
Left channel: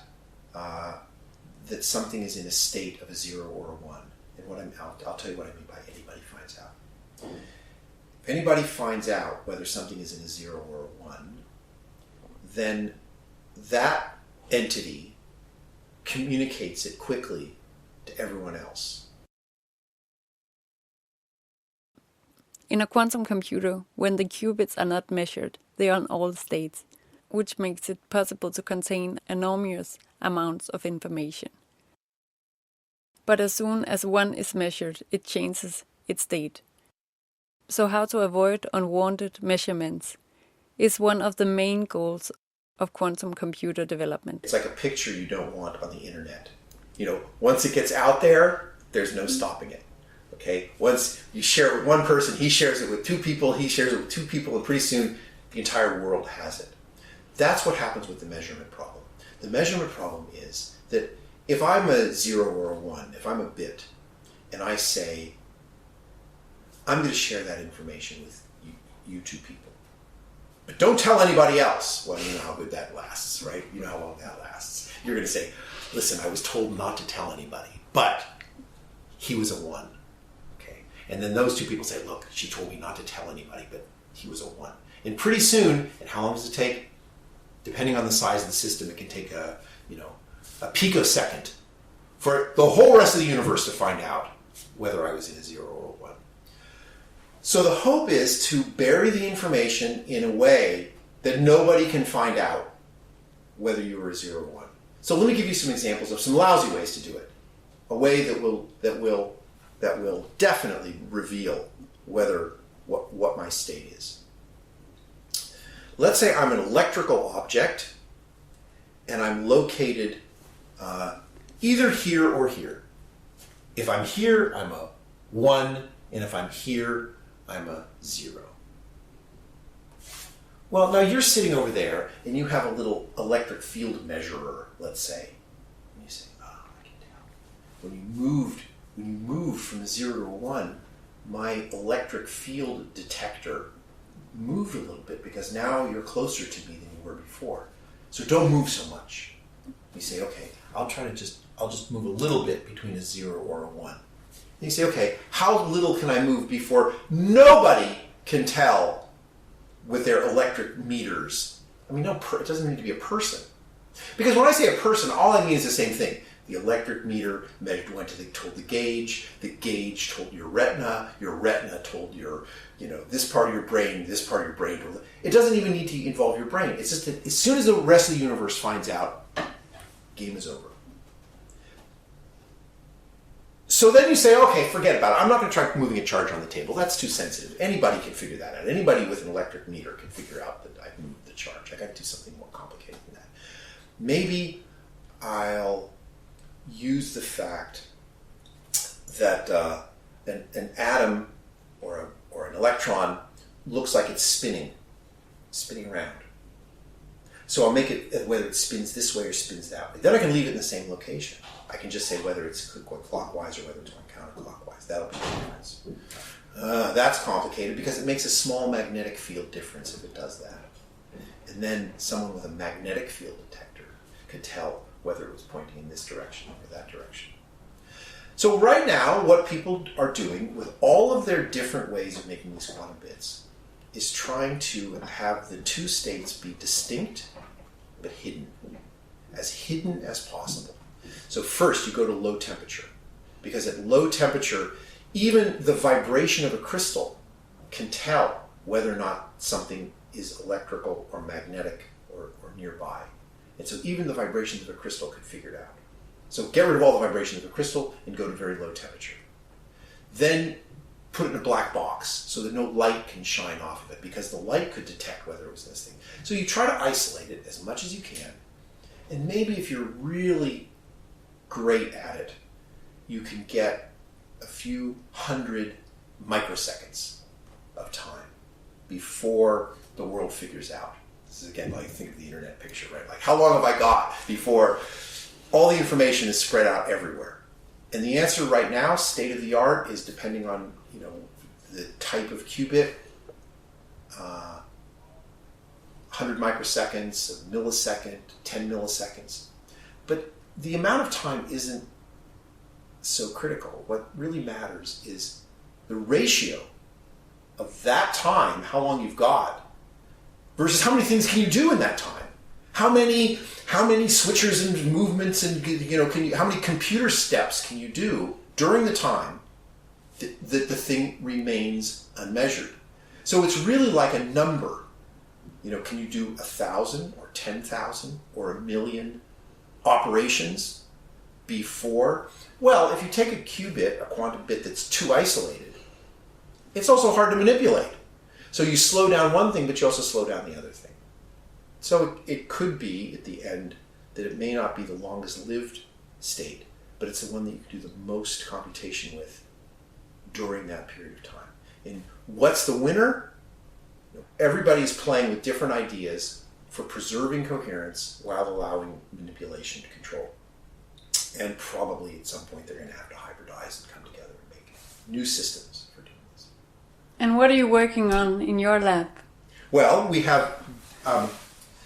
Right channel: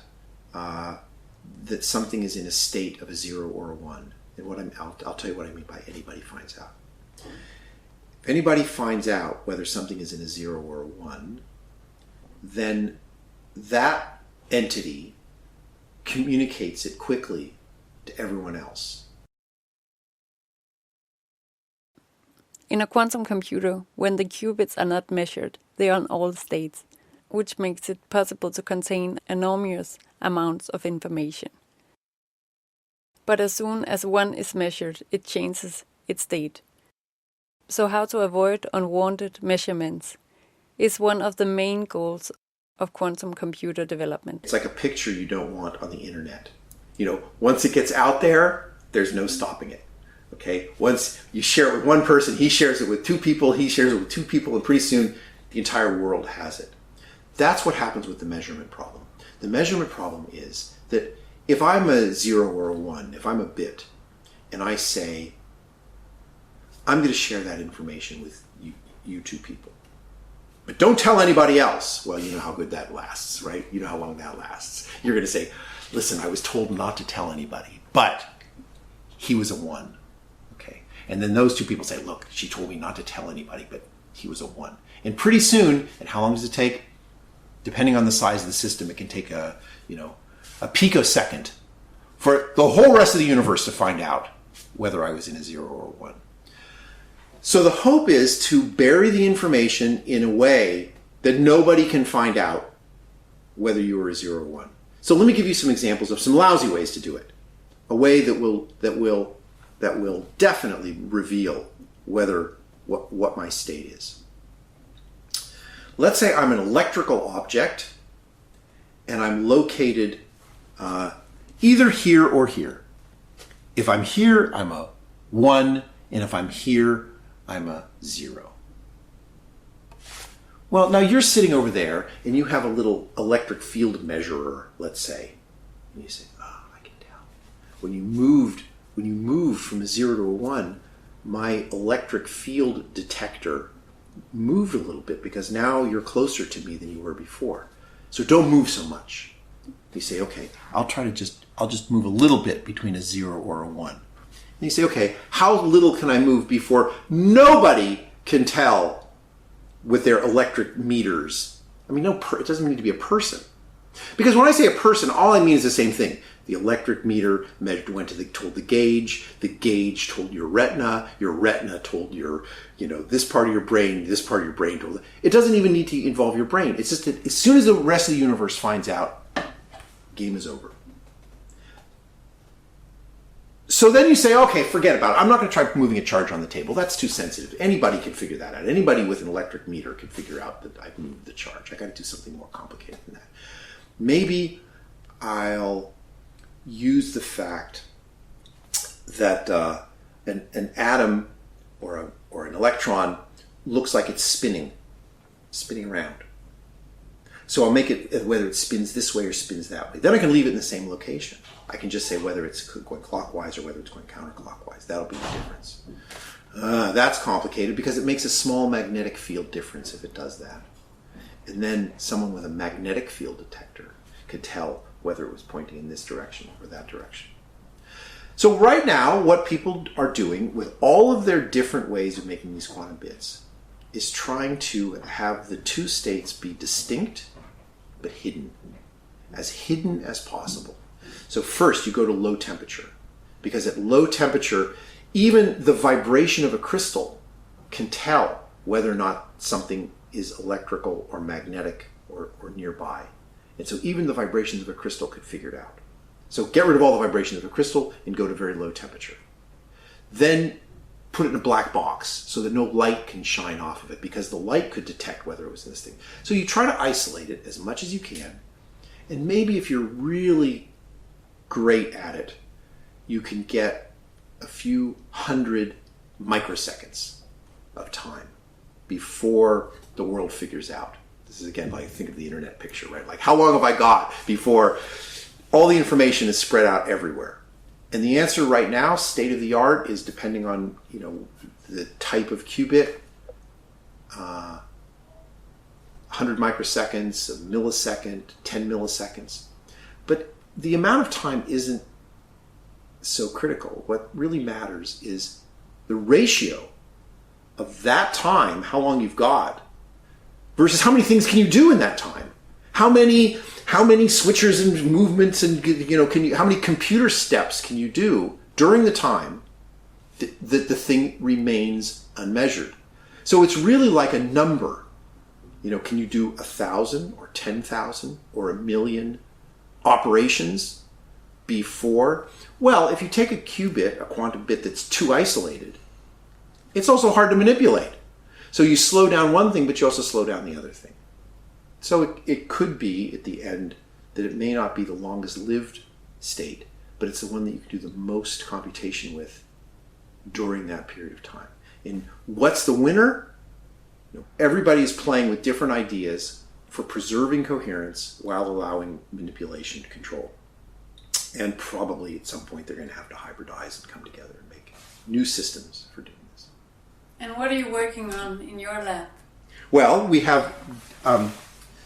that something is in a state of a 0 or a 1. And I'll tell you what I mean by anybody finds out. If anybody finds out whether something is in a 0 or a 1, then that entity communicates it quickly to everyone else. In a quantum computer, when the qubits are not measured, they are in all states, which makes it possible to contain enormous amounts of information. But as soon as one is measured, it changes its state. So how to avoid unwanted measurements is one of the main goals of quantum computer development. It's like a picture you don't want on the internet. Once it gets out there, there's no stopping it. Okay? Once you share it with one person, he shares it with 2 people, he shares it with 2 people, and pretty soon the entire world has it. That's what happens with the measurement problem. The measurement problem is that if I'm a 0 or a 1, if I'm a bit, and I say, I'm going to share that information with you two people, but don't tell anybody else. Well, you know how good that lasts, right? You know how long that lasts. You're going to say, listen, I was told not to tell anybody, but he was a 1. Okay. And then those two people say, look, she told me not to tell anybody, but he was a 1. And pretty soon, and how long does it take? Depending on the size of the system, it can take a picosecond for the whole rest of the universe to find out whether I was in a 0 or a 1. So the hope is to bury the information in a way that nobody can find out whether you were a 0 or 1. So let me give you some examples of some lousy ways to do it. A way that will definitely reveal what my state is. Let's say I'm an electrical object and I'm located either here or here. If I'm here, I'm a 1, and if I'm here, I'm a 0. Well, now you're sitting over there and you have a little electric field measurer, let's say. And you say, oh, I can tell. When you moved from a 0 to a 1, my electric field detector moved a little bit because now you're closer to me than you were before. So don't move so much. You say, okay, I'll just move a little bit between a 0 or a 1. And you say, okay, how little can I move before nobody can tell with their electric meters? I mean, it doesn't need to be a person. Because when I say a person, all I mean is the same thing. The electric meter told the gauge told your retina told your, this part of your brain told. It doesn't even need to involve your brain. It's just that as soon as the rest of the universe finds out, game is over. So then you say, okay, forget about it. I'm not going to try moving a charge on the table. That's too sensitive. Anybody can figure that out. Anybody with an electric meter can figure out that I've moved the charge. I got to do something more complicated than that. Maybe I'll use the fact that an atom or an electron looks like it's spinning around. So I'll make it whether it spins this way or spins that way. Then I can leave it in the same location. I can just say whether it's going clockwise or whether it's going counterclockwise. That'll be the difference. That's complicated because it makes a small magnetic field difference if it does that. And then someone with a magnetic field detector could tell whether it was pointing in this direction or that direction. So right now, what people are doing with all of their different ways of making these quantum bits is trying to have the two states be distinct but hidden as possible. So first you go to low temperature, because at low temperature, even the vibration of a crystal can tell whether or not something is electrical or magnetic or nearby. And so even the vibrations of a crystal could figure it out. So get rid of all the vibrations of a crystal and go to very low temperature. Then put it in a black box so that no light can shine off of it, because the light could detect whether it was in this thing. So you try to isolate it as much as you can. And maybe if you're really great at it, you can get a few hundred microseconds of time before the world figures out. This is again, like, think of the internet picture, right? Like, how long have I got before all the information is spread out everywhere? And the answer right now, state of the art, is depending on, the type of qubit, 100 microseconds, a millisecond, 10 milliseconds. But the amount of time isn't so critical. What really matters is the ratio of that time, how long you've got, versus how many things can you do in that time. How many switchers and movements and how many computer steps can you do during the time that the thing remains unmeasured? So it's really like a number. Can you do 1,000 or 10,000 or 1,000,000 operations before? Well, if you take a qubit, a quantum bit that's too isolated, it's also hard to manipulate. So you slow down one thing, but you also slow down the other thing. So it could be at the end that it may not be the longest lived state, but it's the one that you can do the most computation with during that period of time. And what's the winner? Everybody is playing with different ideas for preserving coherence while allowing manipulation to control. And probably at some point they're going to have to hybridize and come together and make new systems for doing this. And what are you working on in your lab? Well, we have,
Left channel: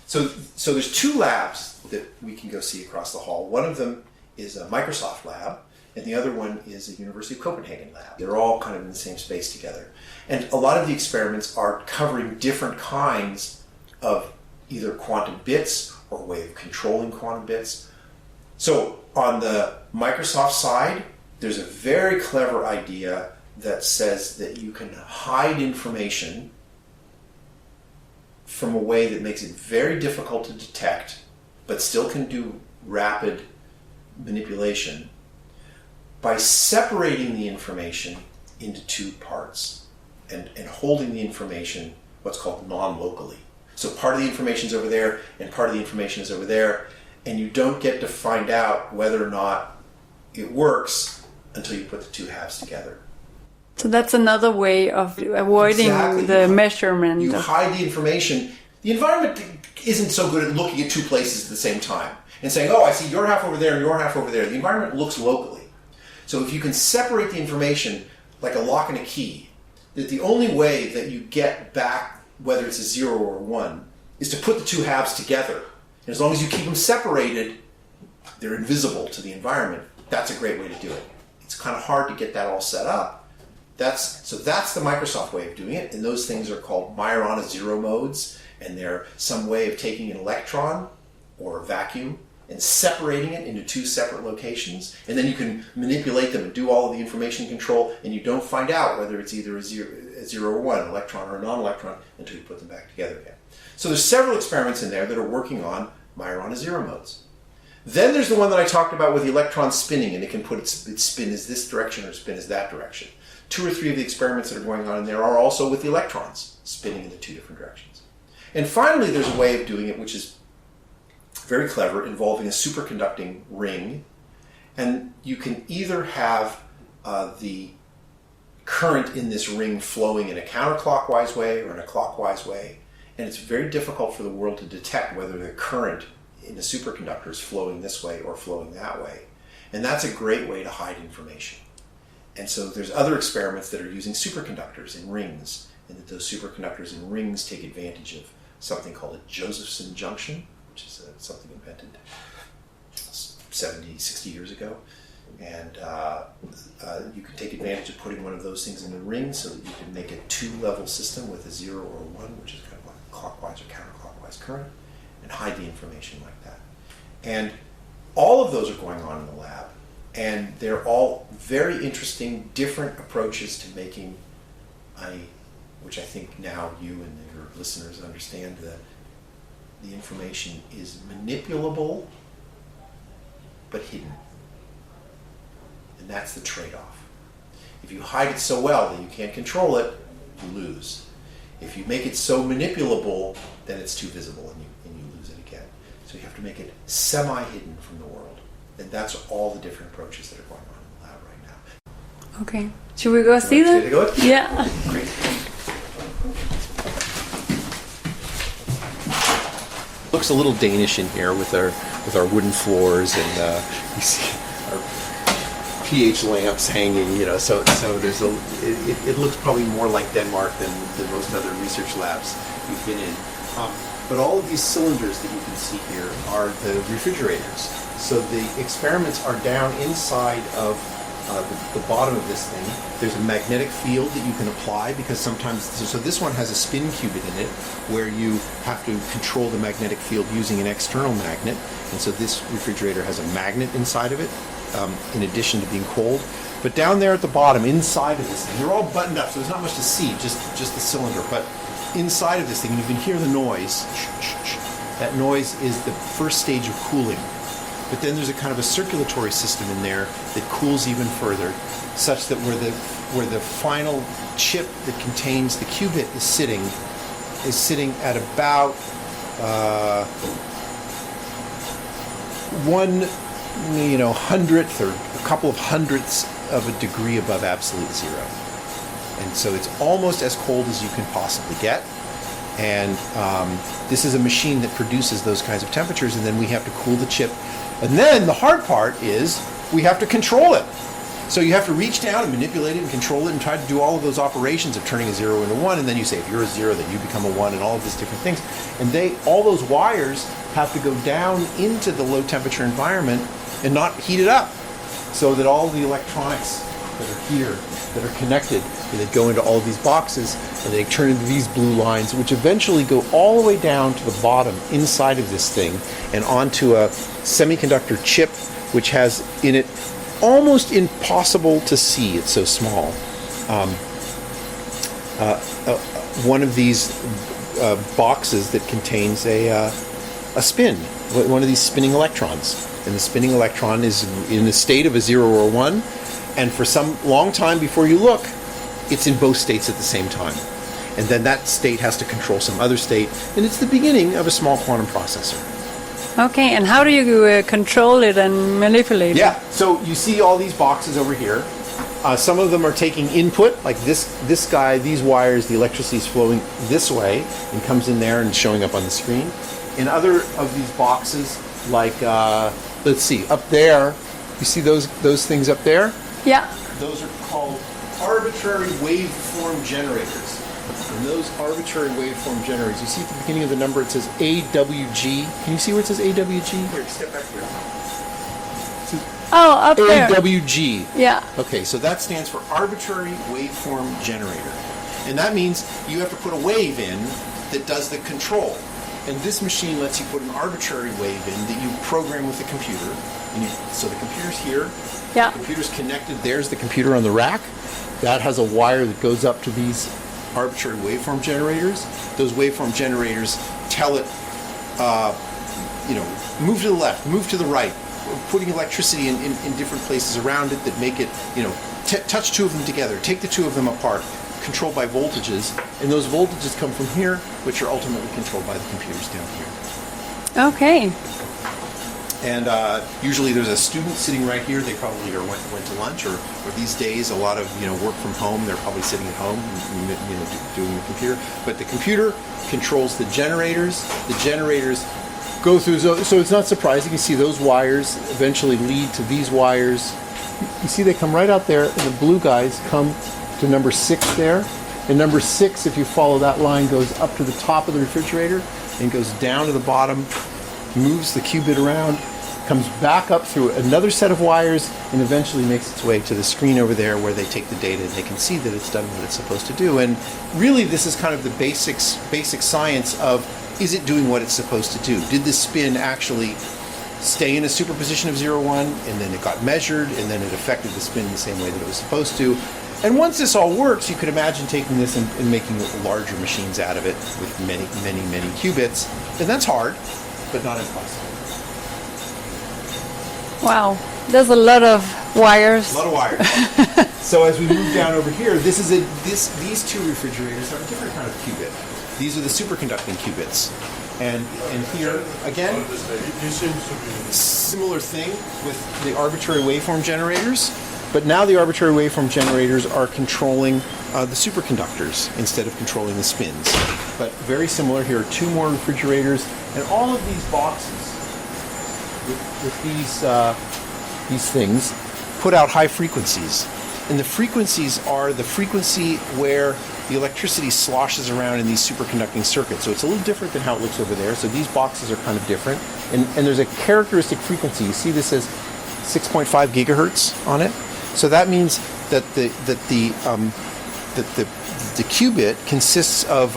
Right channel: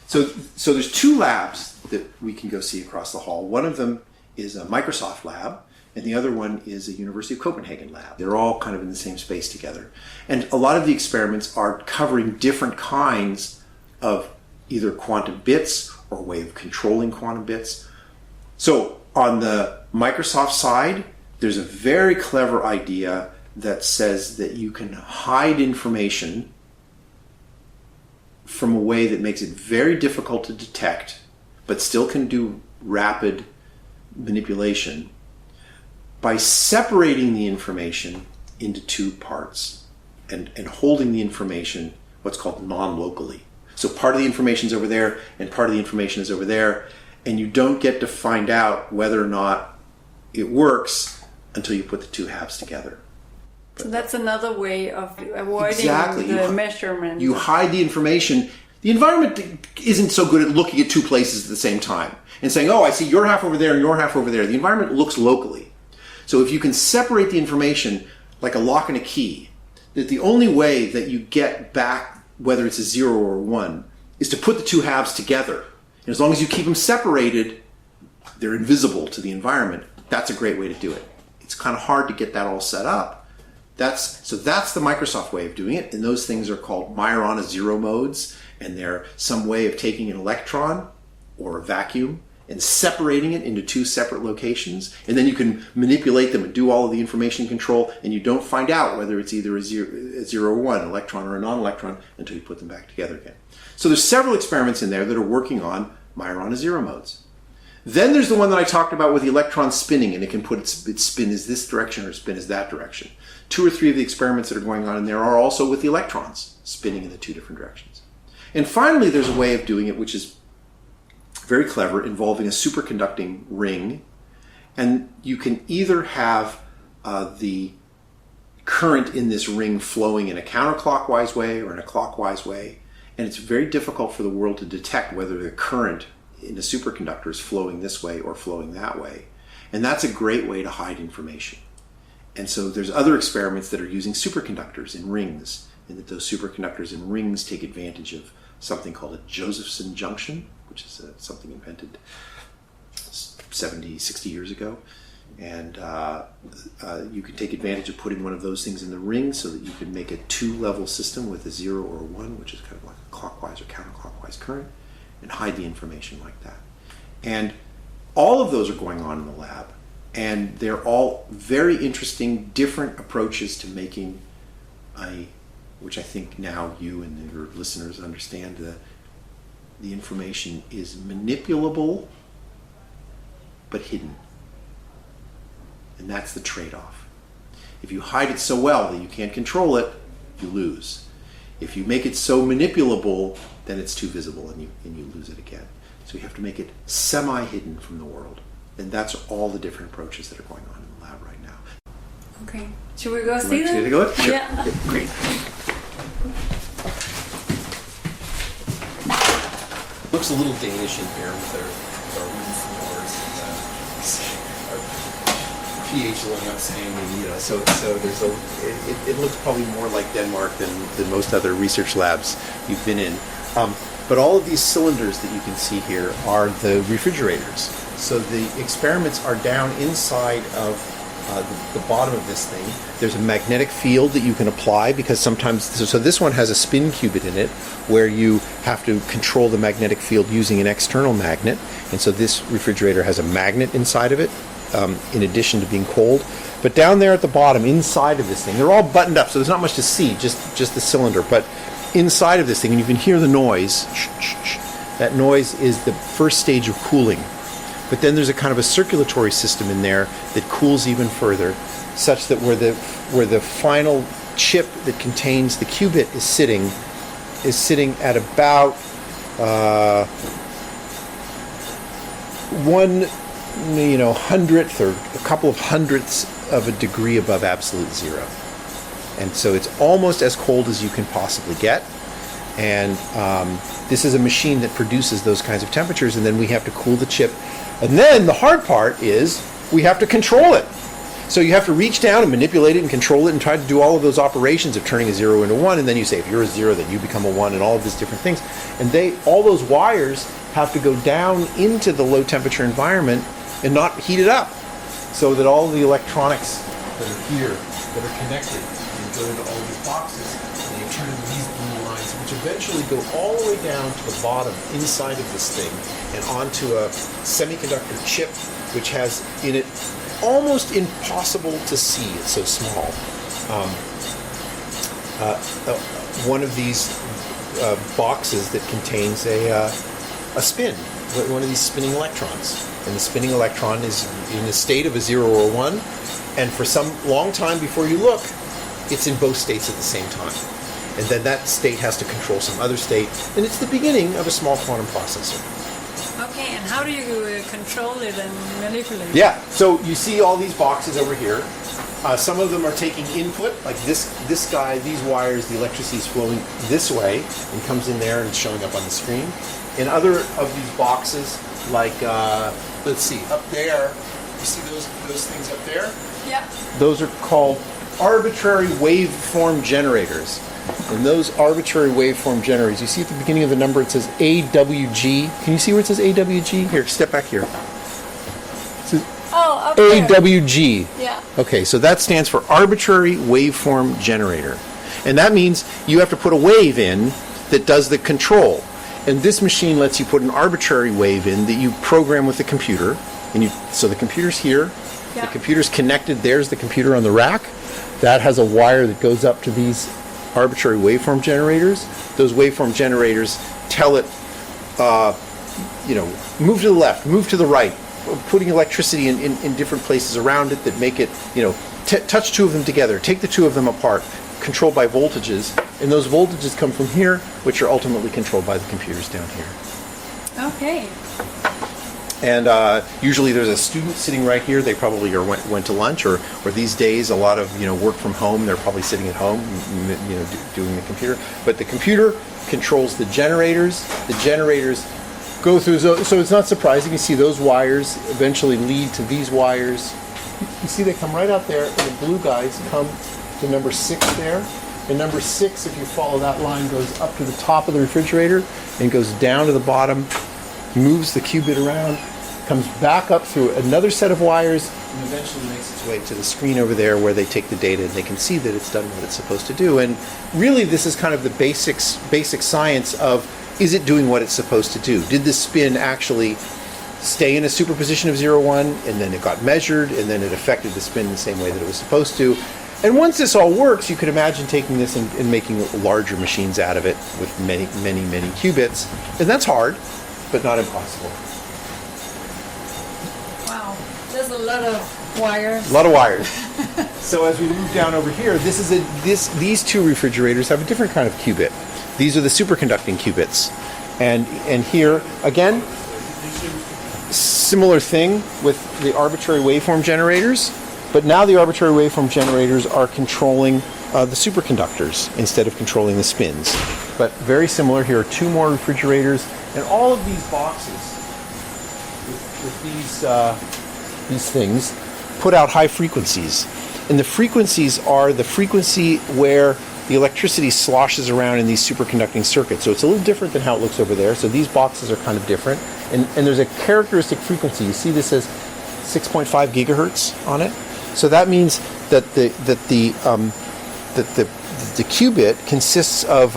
so there's 2 labs that we can go see across the hall. One of them is a Microsoft lab, and the other one is a University of Copenhagen lab. They're all kind of in the same space together. And a lot of the experiments are covering different kinds of either quantum bits or a way of controlling quantum bits. So on the Microsoft side, there's a very clever idea that says that you can hide information from a way that makes it very difficult to detect, but still can do rapid manipulation by separating the information into 2 parts and holding the information what's called non-locally. So part of the information is over there and part of the information is over there, and you don't get to find out whether or not it works until you put the 2 halves together. So that's another way of avoiding the measurement. You hide the information. The environment isn't so good at looking at 2 places at the same time and saying, oh, I see your half over there and your half over there. The environment looks locally. So if you can separate the information like a lock and a key, that the only way that you get back, whether it's a 0 or a 1, is to put the 2 halves together. And as long as you keep them separated, they're invisible to the environment. That's a great way to do it. It's kind of hard to get that all set up. That's the Microsoft way of doing it, and those things are called Majorana 0 modes, and they're some way of taking an electron or a vacuum and separating it into 2 separate locations, and then you can manipulate them and do all of the information control, and you don't find out whether it's either a 0 or 1, an electron or a non-electron, until you put them back together again. So there's several experiments in there that are working on Majorana 0 modes. Then there's the one that I talked about with the electron spinning, and it can put its spin as this direction or its spin as that direction. 2 or 3 of the experiments that are going on in there are also with the electrons spinning in the 2 different directions. And finally, there's a way of doing it which is very clever, involving a superconducting ring. And you can either have the current in this ring flowing in a counterclockwise way or in a clockwise way. And it's very difficult for the world to detect whether the current in a superconductor is flowing this way or flowing that way. And that's a great way to hide information. And so there's other experiments that are using superconductors in rings, and that those superconductors in rings take advantage of something called a Josephson junction, which is something invented 70, 60 years ago. And you can take advantage of putting one of those things in the ring so that you can make a 2-level system with a 0 or a 1, which is kind of like a clockwise or counterclockwise current, and hide the information like that. And all of those are going on in the lab. And they're all very interesting, different approaches to making which I think now you and your listeners understand, the information is manipulable but hidden. And that's the trade-off. If you hide it so well that you can't control it, you lose. If you make it so manipulable, then it's too visible and you lose it again. So you have to make it semi-hidden from the world. And that's all the different approaches that are going on in the lab right now. Okay. Should we go see them? Take a look? Sure. Yeah. Okay, great. Looks a little Danish in here with our wooden floors and you see our pH lamps hanging, so there's it looks probably more like Denmark than most other research labs you've been in. But all of these cylinders that you can see here are the refrigerators. So the experiments are down inside of the bottom of this thing. There's a magnetic field that you can apply because sometimes, so this one has a spin qubit in it where you have to control the magnetic field using an external magnet. And so this refrigerator has a magnet inside of it in addition to being cold. But down there at the bottom, inside of this thing, they're all buttoned up, so there's not much to see, just the cylinder. But inside of this thing, and you can hear the noise, that noise is the first stage of cooling. But then there's a kind of a circulatory system in there that cools even further, such that where the final chip that contains the qubit is sitting at about 1/100th or a couple of hundredths of a degree above absolute zero. And so it's almost as cold as you can possibly get. And this is a machine that produces those kinds of temperatures, and then we have to cool the chip. And then the hard part is we have to control it. So you have to reach down and manipulate it and control it and try to do all of those operations of turning a 0 into 1, and then you say if you're a 0 then you become a 1, and all of these different things. And all those wires have to go down into the low temperature environment and not heat it up, so that all the electronics that are here, that are connected, they go into all these boxes, and they turn into these blue lines, which eventually go all the way down to the bottom inside of this thing and onto a semiconductor chip, which has in it almost impossible to see, it's so small. One of these boxes that contains a spin, one of these spinning electrons. And the spinning electron is in the state of a 0 or a 1, and for some long time before you look, it's in both states at the same time. And then that state has to control some other state, and it's the beginning of a small quantum processor. Okay, and how do you control it and manipulate it? Yeah, so you see all these boxes over here. Some of them are taking input, like this guy, these wires, the electricity is flowing this way and comes in there and showing up on the screen. In other of these boxes, like, let's see, up there, you see those things up there? Yeah. Those are called arbitrary waveform generators. And those arbitrary waveform generators, you see at the beginning of the number it says AWG. Can you see where it says AWG? Here, step back here. It says up there. AWG. Yeah. Okay, so that stands for arbitrary waveform generator. And that means you have to put a wave in that does the control. And this machine lets you put an arbitrary wave in that you program with the computer. And so the computer's here. Yeah. The computer's connected. There's the computer on the rack. That has a wire that goes up to these arbitrary waveform generators. Those waveform generators tell it, move to the left, move to the right, putting electricity in different places around it that make it, touch two of them together, take the two of them apart, controlled by voltages, and those voltages come from here, which are ultimately controlled by the computers down here. Okay. And usually there's a student sitting right here. They probably went to lunch, or these days a lot of work from home. They're probably sitting at home, doing the computer. But the computer controls the generators. The generators go through. So it's not surprising. You see those wires eventually lead to these wires. You see they come right out there, and the blue guys come to number 6 there. And number 6, if you follow that line, goes up to the top of the refrigerator and goes down to the bottom, moves the qubit around, comes back up through another set of wires, and eventually makes its way to the screen over there where they take the data and they can see that it's done what it's supposed to do. And really this is kind of the basic science of, is it doing what it's supposed to do? Did the spin actually stay in a superposition of 0, 1, and then it got measured, and then it affected the spin the same way that it was supposed to? And once this all works, you could imagine taking this and making larger machines out of it with many, many, many qubits. And that's hard, but not impossible. Wow, there's a lot of wires. A lot of wires. So as we move down over here, these two refrigerators have a different kind of qubit. These are the superconducting qubits. And here, again, similar thing with the arbitrary waveform generators, but now the arbitrary waveform generators are controlling the superconductors instead of controlling the spins. But very similar. Here are 2 more refrigerators, and all of these boxes with these things put out high frequencies. And the frequencies are the frequency where the electricity sloshes around in these superconducting circuits. So it's a little different than how it looks over there. So these boxes are kind of different. And there's a characteristic frequency. You see this says 6.5 gigahertz on it. So that means that the qubit consists of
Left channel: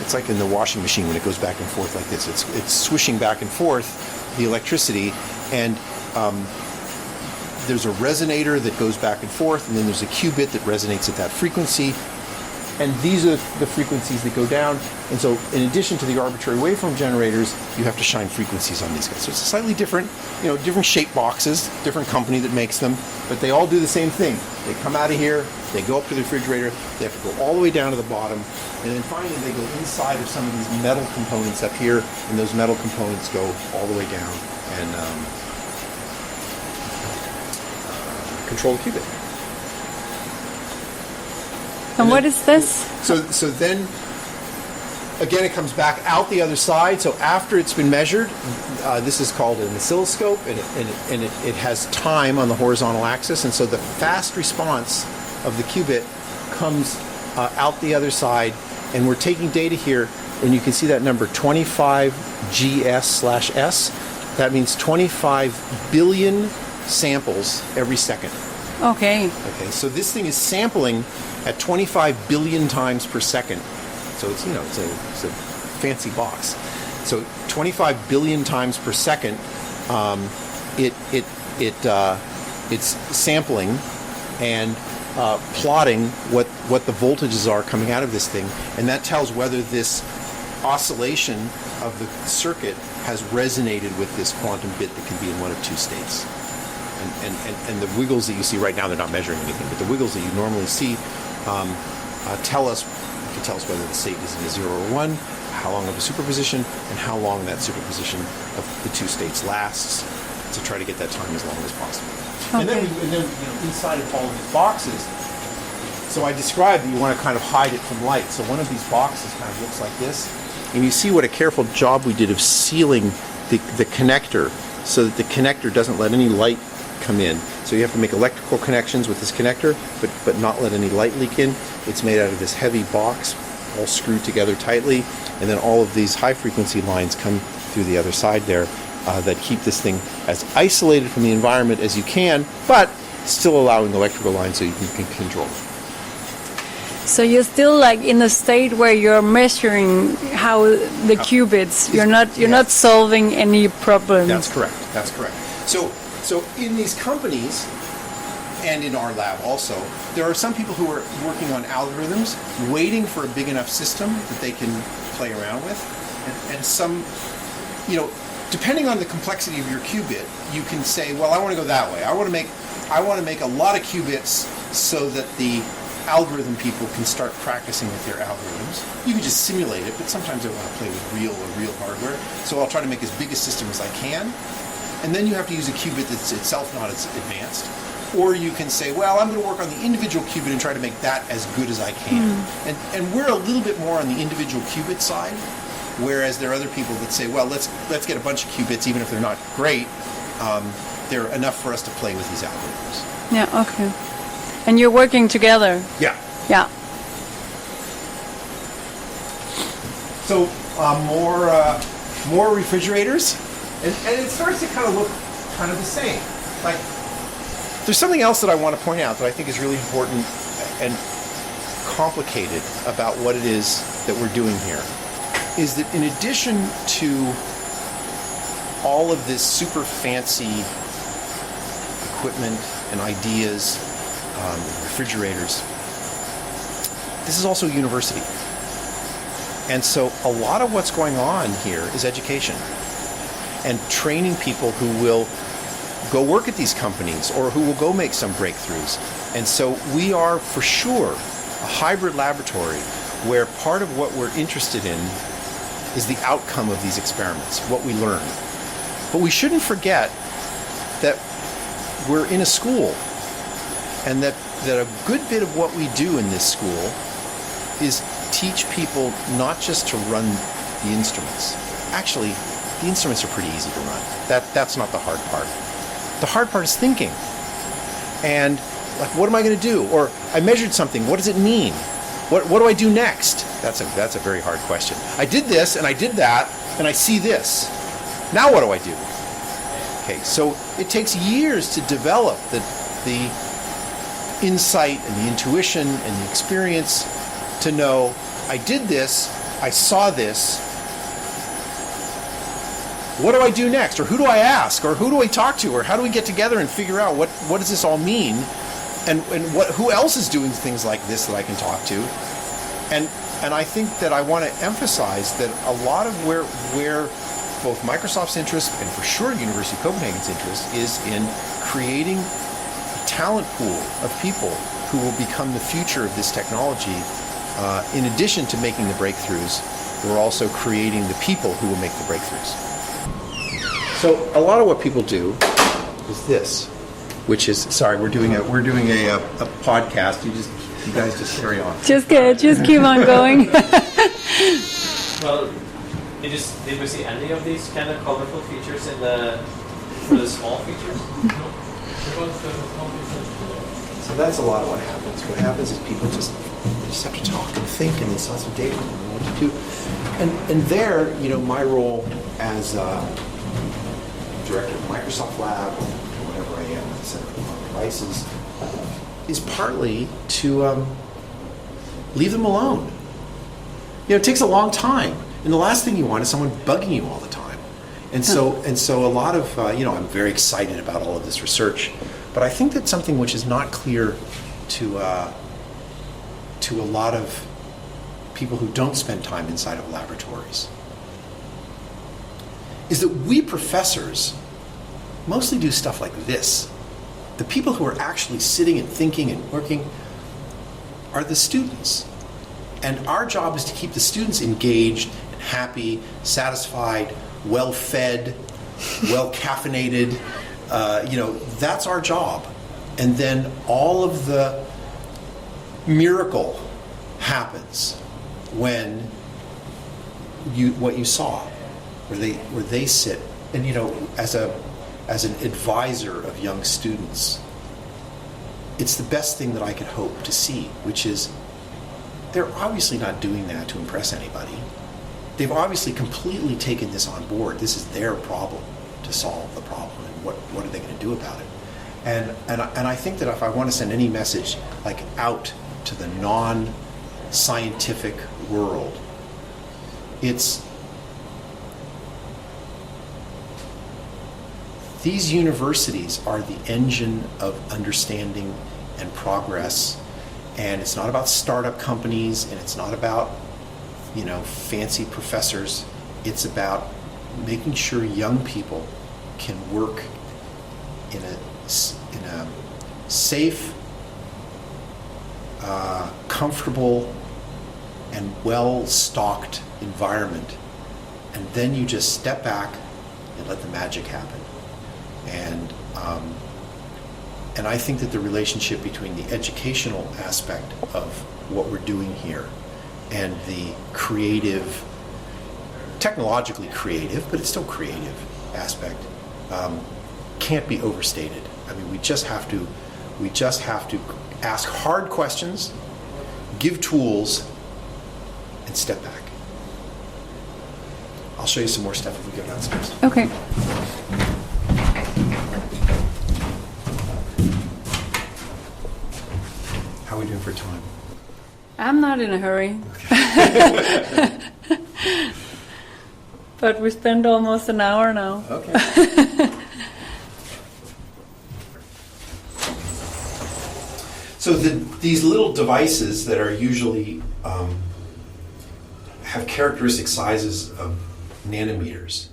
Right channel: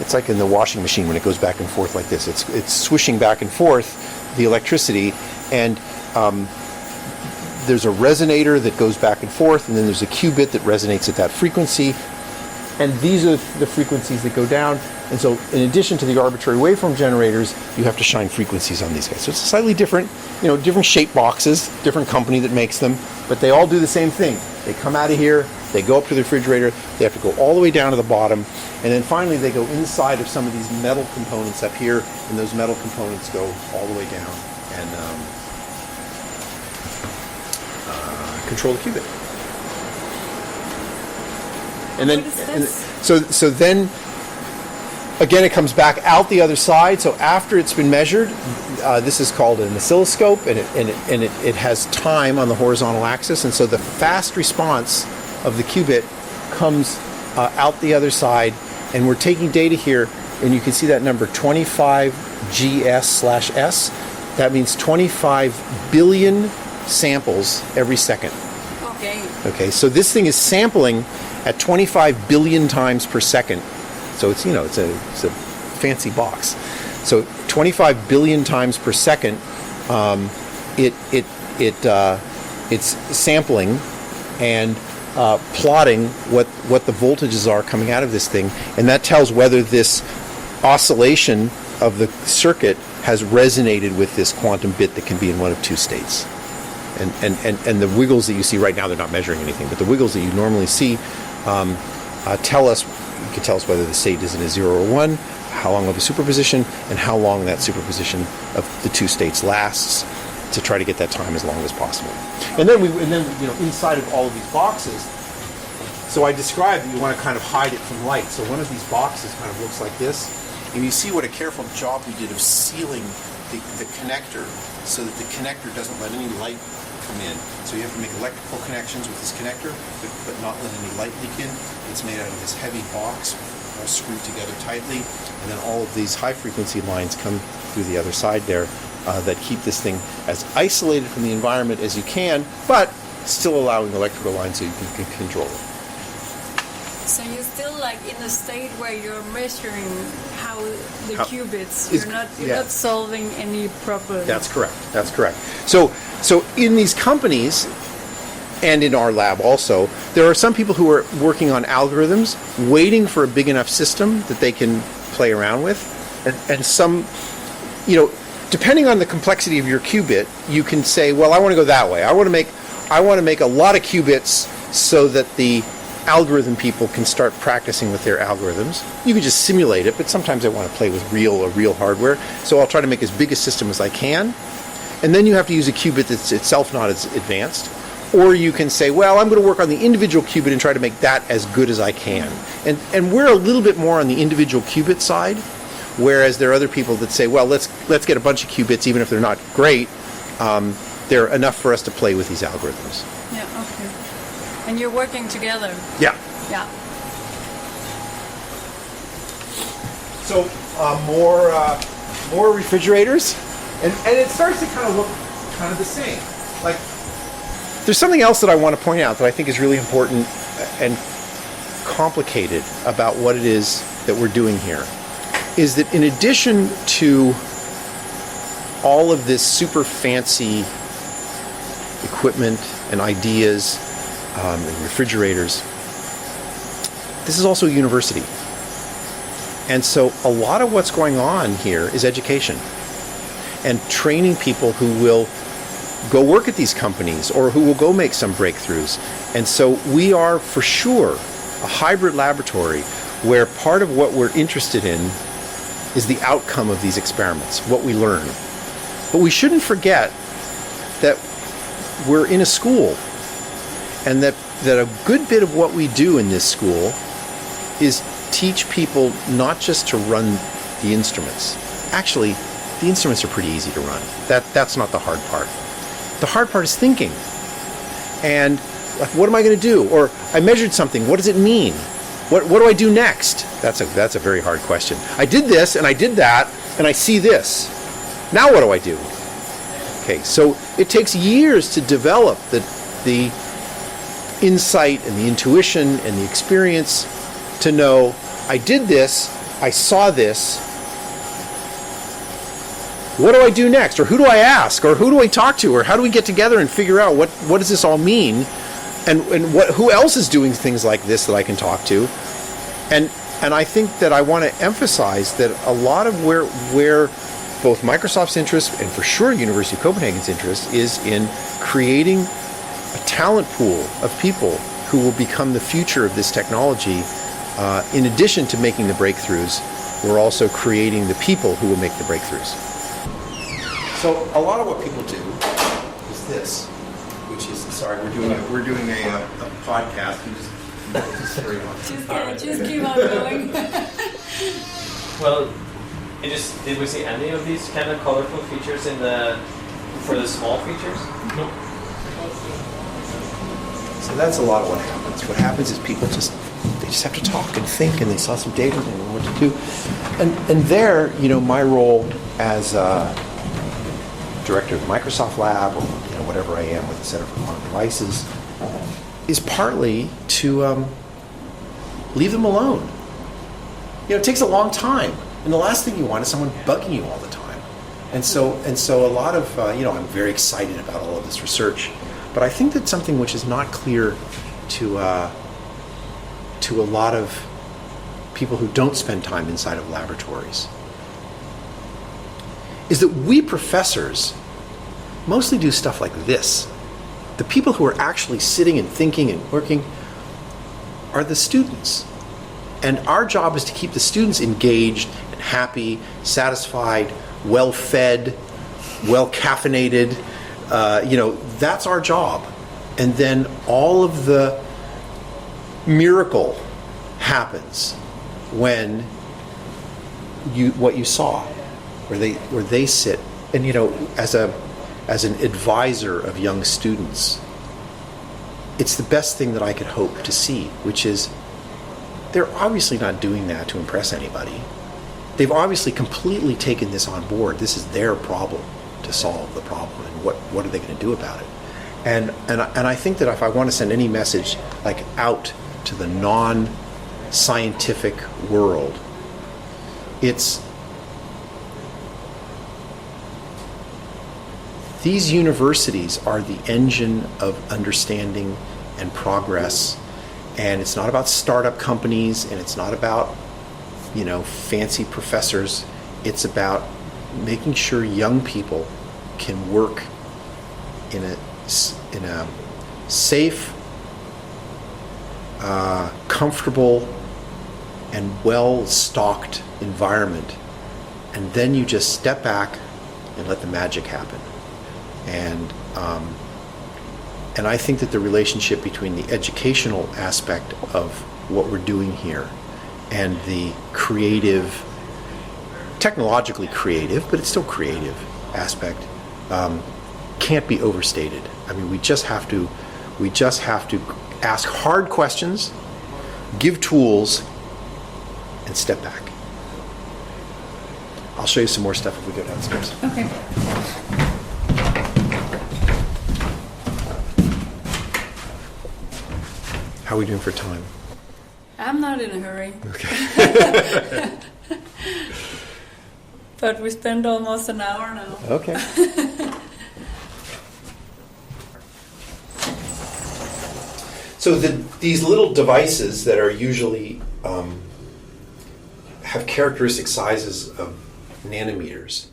it's like in the washing machine when it goes back and forth like this. It's swishing back and forth the electricity, and there's a resonator that goes back and forth, and then there's a qubit that resonates at that frequency, and these are the frequencies that go down. And so in addition to the arbitrary waveform generators, you have to shine frequencies on these guys. So it's slightly different, different shaped boxes, different company that makes them, but they all do the same thing. They come out of here, they go up to the refrigerator, they have to go all the way down to the bottom, and then finally they go inside of some of these metal components up here, and those metal components go all the way down and control the qubit. And what is this? So then again, it comes back out the other side. So after it's been measured, this is called an oscilloscope, and it has time on the horizontal axis. And so the fast response of the qubit comes out the other side. And we're taking data here, and you can see that number 25GS/S. That means 25 billion samples every second. Okay. Okay, so this thing is sampling at 25 billion times per second. So it's, it's a fancy box. So 25 billion times per second, it's sampling and plotting what the voltages are coming out of this thing, and that tells whether this oscillation of the circuit has resonated with this quantum bit that can be in one of two states. And the wiggles that you see right now, they're not measuring anything, but the wiggles that you normally see tell us whether the state is in a 0 or 1, how long of a superposition, and how long that superposition of the two states lasts, to try to get that time as long as possible. Okay. And then inside of all of these boxes, so I described that you want to kind of hide it from light. So one of these boxes kind of looks like this, and you see what a careful job we did of sealing the connector so that the connector doesn't let any light come in. So you have to make electrical connections with this connector, but not let any light leak in. It's made out of this heavy box, all screwed together tightly, and then all of these high frequency lines come through the other side there that keep this thing as isolated from the environment as you can, but still allowing electrical lines so you can control it. So you're still like in a state where you're measuring how the qubits. You're not solving any problem. That's correct. So in these companies, and in our lab also, there are some people who are working on algorithms, waiting for a big enough system that they can play around with, and some, depending on the complexity of your qubit, you can say, well, I want to go that way. I want to make a lot of qubits so that the algorithm people can start practicing with their algorithms. You can just simulate it, but sometimes I want to play with real hardware, so I'll try to make as big a system as I can. And then you have to use a qubit that's itself not as advanced. Or you can say, well, I'm going to work on the individual qubit and try to make that as good as I can. And we're a little bit more on the individual qubit side, whereas there are other people that say, well, let's get a bunch of qubits, even if they're not great. They're enough for us to play with these algorithms. Yeah, okay. And you're working together? Yeah. Yeah. So more refrigerators, and it starts to kind of look kind of the same. Like, there's something else that I want to point out that I think is really important and complicated about what it is that we're doing here, is that in addition to all of this super fancy equipment and ideas and refrigerators, this is also a university. And so a lot of what's going on here is education and training people who will go work at these companies or who will go make some breakthroughs. And so we are for sure a hybrid laboratory where part of what we're interested in is the outcome of these experiments, what we learn. But we shouldn't forget that we're in a school, and that a good bit of what we do in this school is teach people not just to run the instruments. Actually, the instruments are pretty easy to run. That's not the hard part. The hard part is thinking. And like, what am I going to do? Or I measured something. What does it mean? What do I do next? That's a very hard question. I did this and I did that and I see this. Now what do I do? Okay, so it takes years to develop the insight and the intuition and the experience to know I did this, I saw this. What do I do next? Or who do I ask? Or who do I talk to? Or how do we get together and figure out what does this all mean? And who else is doing things like this that I can talk to? And I think that I want to emphasize that a lot of where both Microsoft's interest and for sure University of Copenhagen's interest is in creating a talent pool of people who will become the future of this technology. In addition to making the breakthroughs, we're also creating the people who will make the breakthroughs. So a lot of what people do is this, which is, sorry, we're doing a podcast. You guys just carry on. Just keep on going. Well, did we see any of these kind of colorful features for the small features? No. So that's a lot of what happens. What happens is people just have to talk and think, and they saw some data and they know what to do. And there, my role as director of Microsoft Lab, or whatever I am with the Center for Quantum Devices, is partly to leave them alone. It takes a long time, and the last thing you want is someone bugging you all the time. And so a lot of I'm very excited about all of this research, but I think that something which is not clear to a lot of people who don't spend time inside of laboratories is that we professors mostly do stuff like this. The people who are actually sitting and thinking and working are the students. And our job is to keep the students engaged and happy, satisfied, well-fed, well-caffeinated. That's our job. And then all of the miracle happens when what you saw, where they sit. And as an advisor of young students, it's the best thing that I could hope to see, which is they're obviously not doing that to impress anybody. They've obviously completely taken this on board. This is their problem to solve the problem, and what are they going to do about it? And I think that if I want to send any message out to the non-scientific world, it's these universities are the engine of understanding and progress, and it's not about startup companies, and it's not about fancy professors. It's about making sure young people can work in a safe, comfortable, and well-stocked environment, and then you just step back and let the magic happen. And I think that the relationship between the educational aspect of what we're doing here and the creative, technologically creative, but it's still creative aspect, can't be overstated. I mean, we just have to ask hard questions, give tools, and step back. I'll show you some more stuff if we go downstairs. Okay. How are we doing for time? I'm not in a hurry. Okay. But we spent almost an hour now. Okay. So these little devices that are usually have characteristic sizes of nanometers.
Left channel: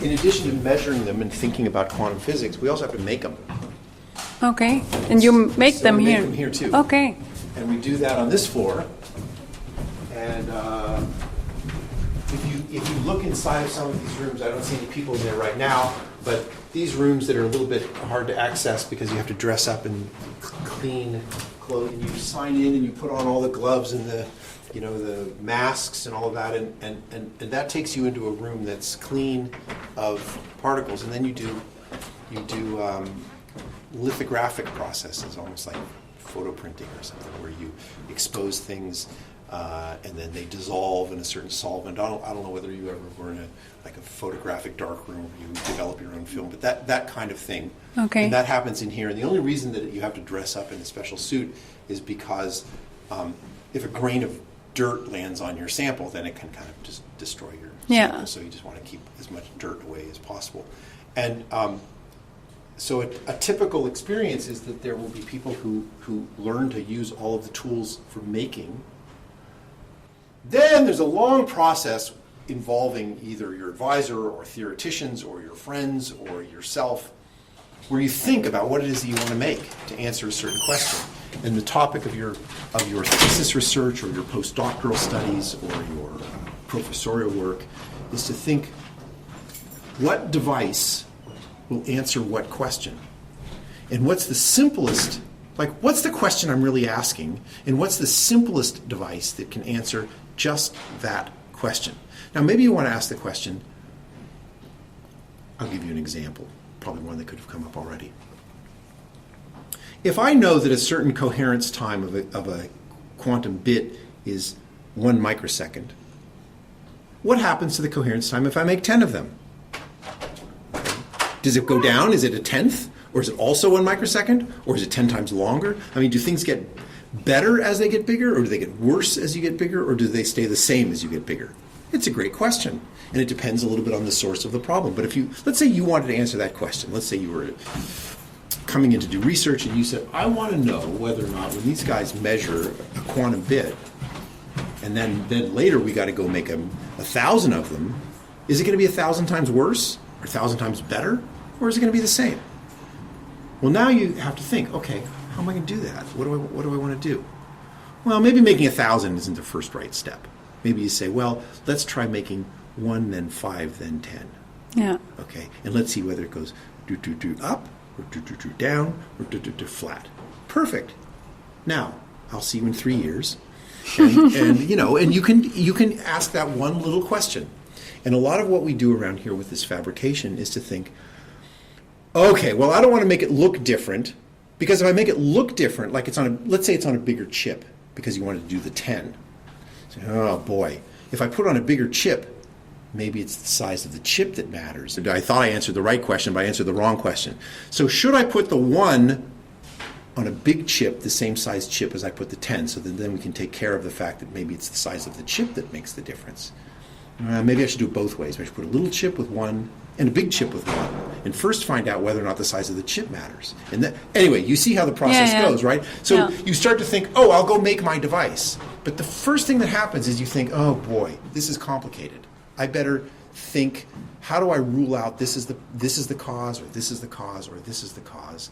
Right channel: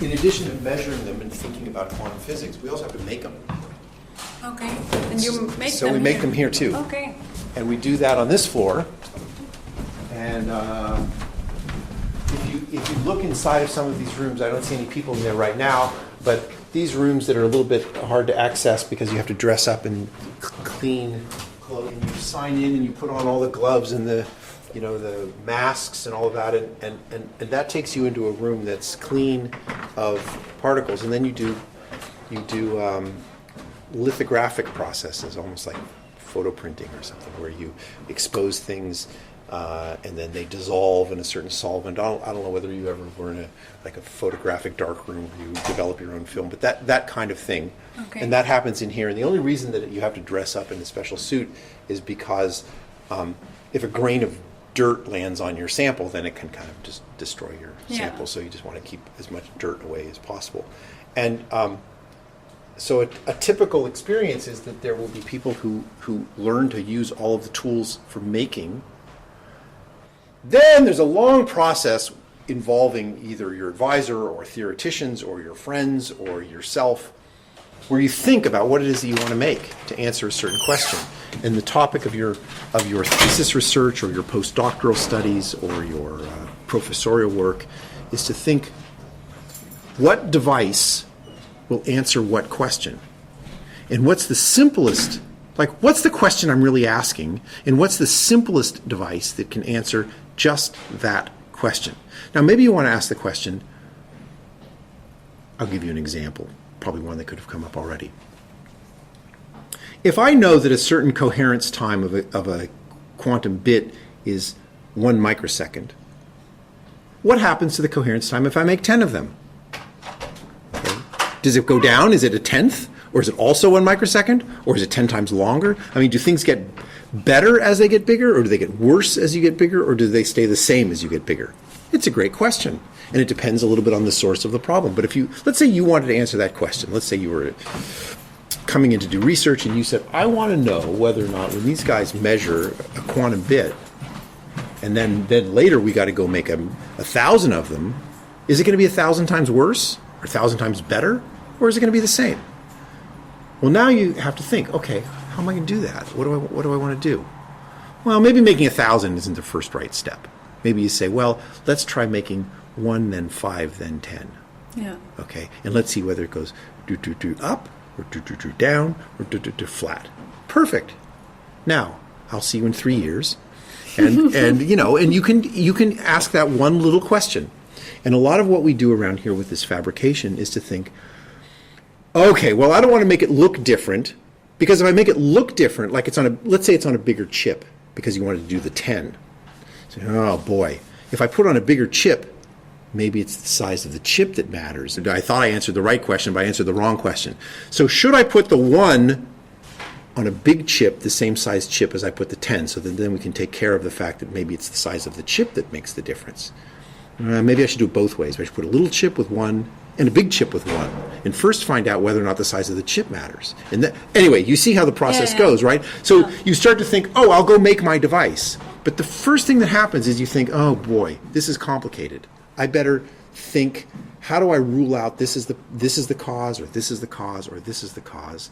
In addition to measuring them and thinking about quantum physics, we also have to make them. Okay, and you make them here? So we make them here too. Okay. And we do that on this floor. And if you look inside of some of these rooms, I don't see any people in there right now, but these rooms that are a little bit hard to access because you have to dress up in clean clothes, and you sign in and you put on all the gloves and the masks and all of that, and that takes you into a room that's clean of particles, and then you do lithographic processes, almost like photo printing or something, where you expose things and then they dissolve in a certain solvent. I don't know whether you ever were in a photographic darkroom where you develop your own film, but that kind of thing. Okay. And that happens in here. And the only reason that you have to dress up in a special suit is because if a grain of dirt lands on your sample, then it can kind of just destroy your sample. So you just want to keep as much dirt away as possible. And so a typical experience is that there will be people who learn to use all of the tools for making. Then there's a long process involving either your advisor or theoreticians or your friends or yourself, where you think about what it is that you want to make to answer a certain question. And the topic of your thesis research or your postdoctoral studies or your professorial work is to think, what device will answer what question? And what's the simplest Like, what's the question I'm really asking, and what's the simplest device that can answer just that question? Now, maybe you want to ask the question, I'll give you an example, probably one that could have come up already. If I know that a certain coherence time of a quantum bit is 1 microsecond, what happens to the coherence time if I make 10 of them? Okay. Does it go down? Is it a tenth? Or is it also 1 microsecond? Or is it 10 times longer? I mean, do things get better as they get bigger? Or do they get worse as you get bigger? Or do they stay the same as you get bigger? It's a great question. And it depends a little bit on the source of the problem. But if you, let's say you wanted to answer that question. Let's say you were coming in to do research and you said, I want to know whether or not when these guys measure a quantum bit, and then later we got to go make 1,000 of them, is it going to be 1,000 times worse? Or 1,000 times better? Or is it going to be the same? Well, now you have to think, okay, how am I going to do that? What do I want to do? Well, maybe making 1,000 isn't the first right step. Maybe you say, well, let's try making 1, then 5, then 10. Yeah. Okay, and let's see whether it goes up, or down, or flat. Perfect. Now, I'll see you in 3 years, and you know, and you can ask that one little question. And a lot of what we do around here with this fabrication is to think, okay, well, I don't want to make it look different, because if I make it look different, like let's say it's on a bigger chip, because you wanted to do the 10. So, oh boy, if I put on a bigger chip, maybe it's the size of the chip that matters. I thought I answered the right question, but I answered the wrong question. So should I put the 1 on a big chip, the same size chip as I put the 10, so that then we can take care of the fact that maybe it's the size of the chip that makes the difference? Maybe I should do it both ways. I should put a little chip with 1 and a big chip with 1, and first find out whether or not the size of the chip matters. And anyway, you see how the process goes, right? So you start to think, oh, I'll go make my device. But the first thing that happens is you think, oh boy, this is complicated. I better think, how do I rule out this is the cause, or this is the cause, or this is the cause?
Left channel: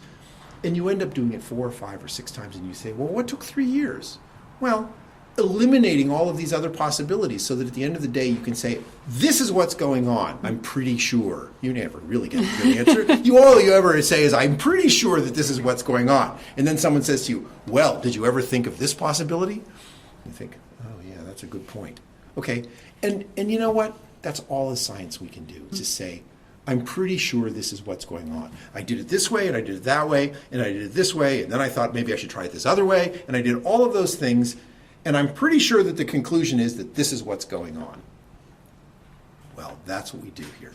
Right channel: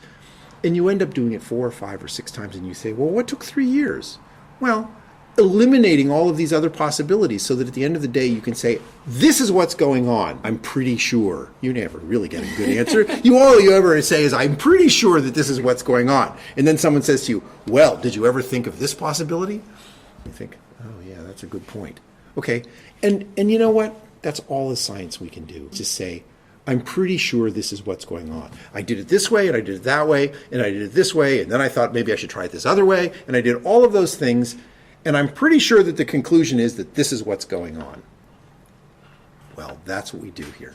And you end up doing it 4 or 5 or 6 times, and you say, well, what took 3 years? Well, eliminating all of these other possibilities so that at the end of the day you can say, this is what's going on. I'm pretty sure. You never really get a good answer. All you ever say is, I'm pretty sure that this is what's going on. And then someone says to you, well, did you ever think of this possibility? You think, oh yeah, that's a good point. Okay, and you know what? That's all the science we can do. Just say, I'm pretty sure this is what's going on. I did it this way, and I did it that way, and I did it this way, and then I thought maybe I should try it this other way, and I did all of those things, and I'm pretty sure that the conclusion is that this is what's going on. Well, that's what we do here.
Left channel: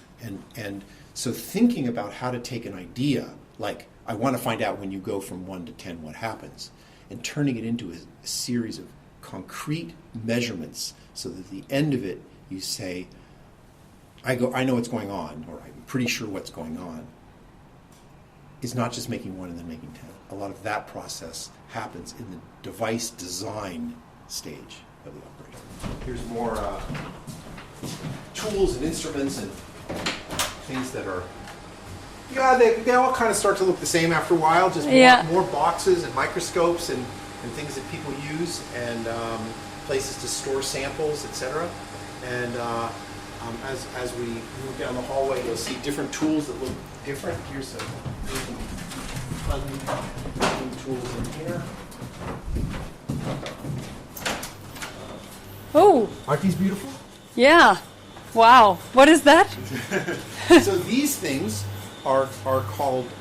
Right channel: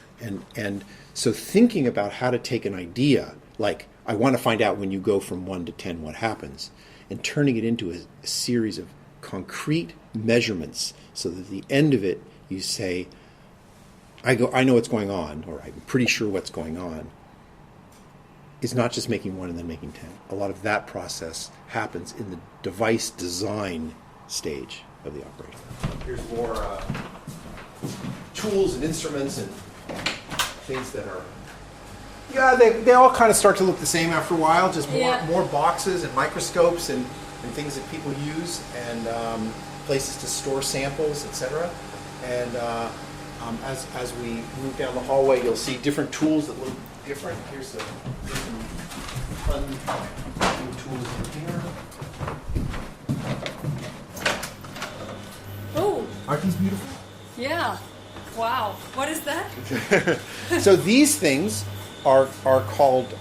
And so thinking about how to take an idea, like I want to find out when you go from 1 to 10 what happens, and turning it into a series of concrete measurements so that at the end of it you say, I know what's going on, or I'm pretty sure what's going on, is not just making 1 and then making 10. A lot of that process happens in the device design stage of the operator. Here's more tools and instruments and things that are, they all kind of start to look the same after a while, just more boxes and microscopes and things that people use, and places to store samples, etc. And as we move down the hallway, you'll see different tools that look different. Here's some fun new tools in here. Oh. Aren't these beautiful? Yeah. Wow. What is that? So these things are called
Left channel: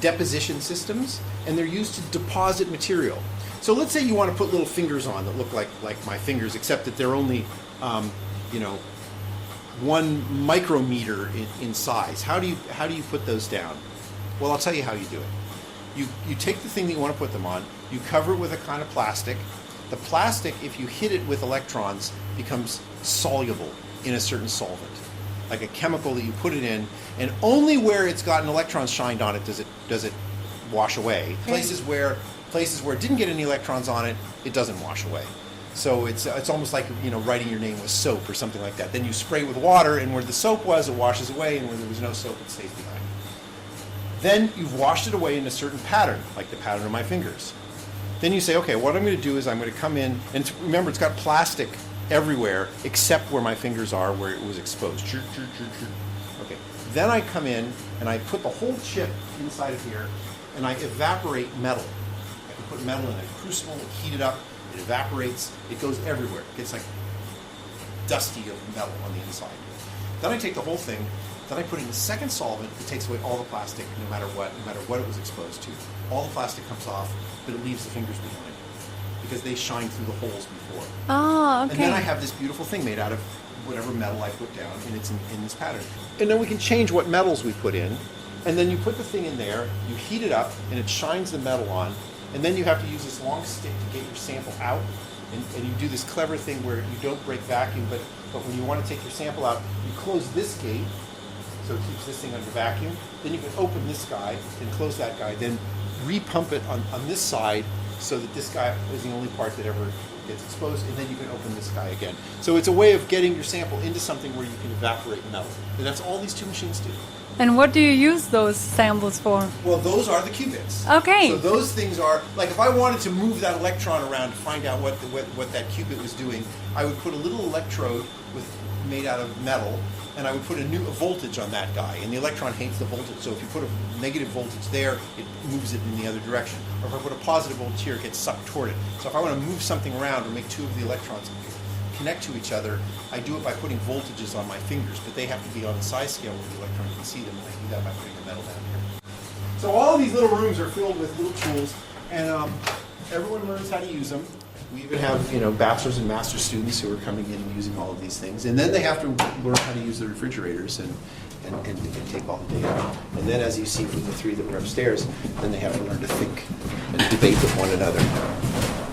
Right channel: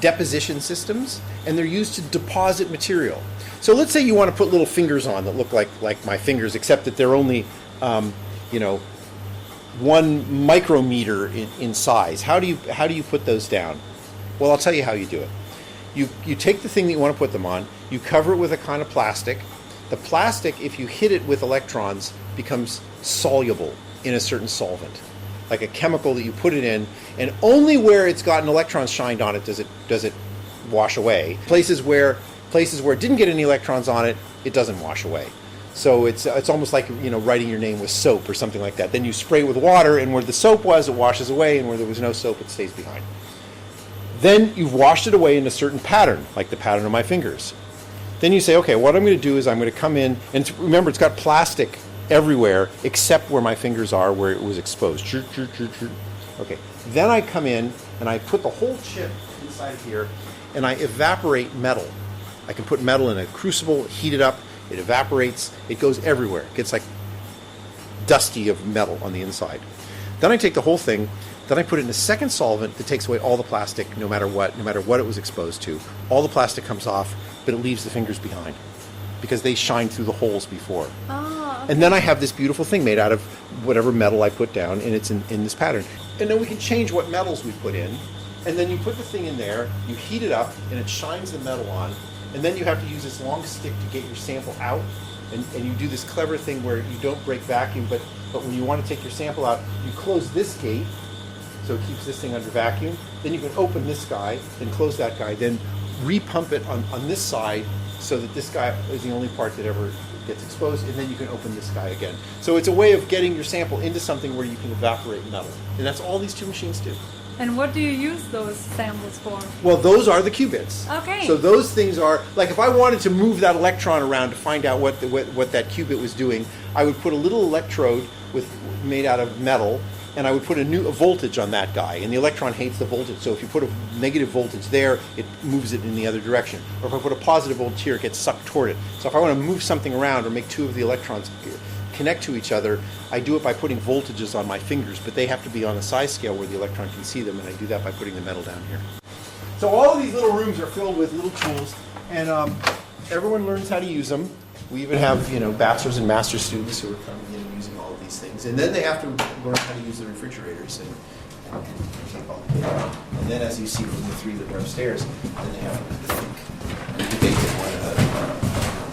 deposition systems, and they're used to deposit material. So let's say you want to put little fingers on that look like my fingers, except that they're only 1 micrometer in size. How do you put those down? Well, I'll tell you how you do it. You take the thing that you want to put them on, you cover it with a kind of plastic. The plastic, if you hit it with electrons, becomes soluble in a certain solvent, like a chemical that you put it in, and only where it's gotten electrons shined on it does it wash away. Places where it didn't get any electrons on it, it doesn't wash away. So it's almost like writing your name with soap or something like that. Then you spray it with water, and where the soap was, it washes away, and where there was no soap, it stays behind. Then you've washed it away in a certain pattern, like the pattern of my fingers. Then you say, okay, what I'm going to do is I'm going to come in, and remember, it's got plastic everywhere except where my fingers are, where it was exposed. Okay. Then I come in and I put the whole chip inside of here, and I evaporate metal. I can put metal in a crucible, heat it up, it evaporates, it goes everywhere. It gets like dusty of metal on the inside. Then I take the whole thing, then I put it in a second solvent that takes away all the plastic, no matter what it was exposed to. All the plastic comes off, but it leaves the fingers behind because they shine through the holes before. Oh, okay. And then I have this beautiful thing made out of whatever metal I put down, and it's in this pattern. And then we can change what metals we put in, and then you put the thing in there, you heat it up, and it shines the metal on, and then you have to use this long stick to get your sample out, and you do this clever thing where you don't break vacuum, but when you want to take your sample out, you close this gate, so it keeps this thing under vacuum. Then you can open this guy, then close that guy, then repump it on this side so that this guy is the only part that ever gets exposed, and then you can open this guy again. So it's a way of getting your sample into something where you can evaporate metal. And that's all these two machines do. And what do you use those samples for? Well, those are the qubits. Okay. So those things are, like if I wanted to move that electron around to find out what that qubit was doing, I would put a little electrode made out of metal, and I would put a voltage on that guy, and the electron hates the voltage, so if you put a negative voltage there, it moves it in the other direction. Or if I put a positive voltage here, it gets sucked toward it. So if I want to move something around or make two of the electrons connect to each other, I do it by putting voltages on my fingers, but they have to be on a size scale where the electron can see them, and I do that by putting the metal down here. So all of these little rooms are filled with little tools, and everyone learns how to use them. We even have, bachelor's and master's students who are coming in and using all of these things. And then they have to learn how to use the refrigerators and take all the data. And then, as you see from the three that are upstairs, then they have to learn to think and debate with one another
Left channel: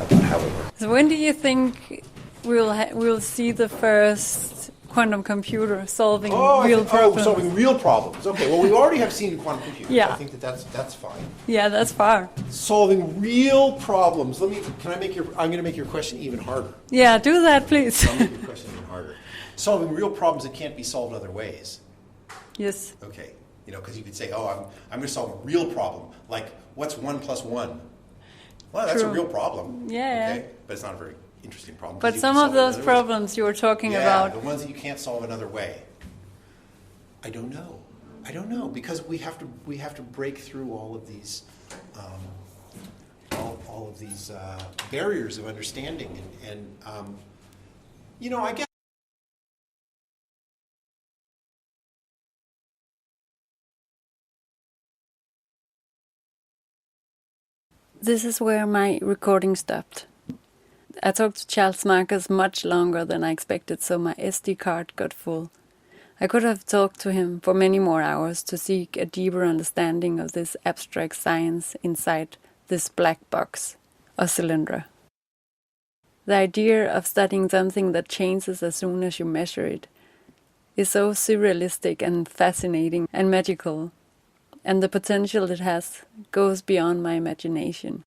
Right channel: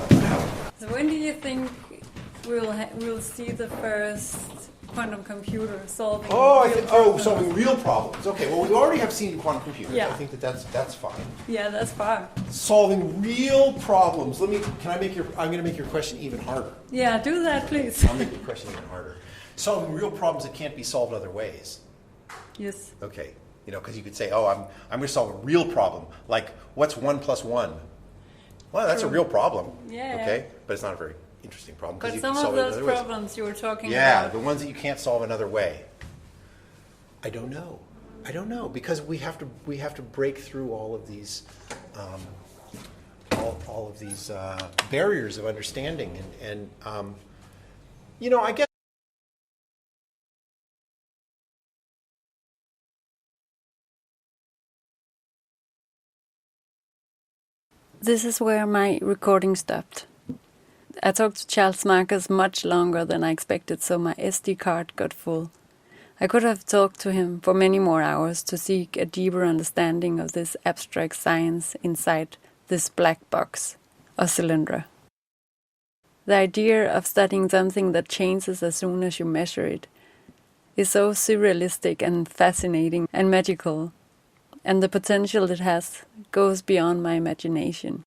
about how it works. So when do you think we'll see the first quantum computer solving real problems? Solving real problems. Okay, well, we already have seen quantum computers. Yeah. I think that's fine. Yeah, that's far. Solving real problems. I'm going to make your question even harder. Yeah, do that, please. I'll make your question even harder. Solving real problems that can't be solved other ways. Yes. Okay, because you could say, I'm going to solve a real problem, like what's 1 + 1? Well, that's a real problem. Yeah. Okay, but it's not a very interesting problem. But you some can solve of it those other ways. problems you were talking about. Yeah, the ones that you can't solve another way. I don't know because we have to break through all of these barriers of understanding, and I guess. This is where my recording stopped. I talked to Charles Marcus much longer than I expected, so my SD card got full. I could have talked to him for many more hours to seek a deeper understanding of this abstract science inside this black box, or cylinder. The idea of studying something that changes as soon as you measure it is so surrealistic and fascinating and magical, and the potential it has goes beyond my imagination.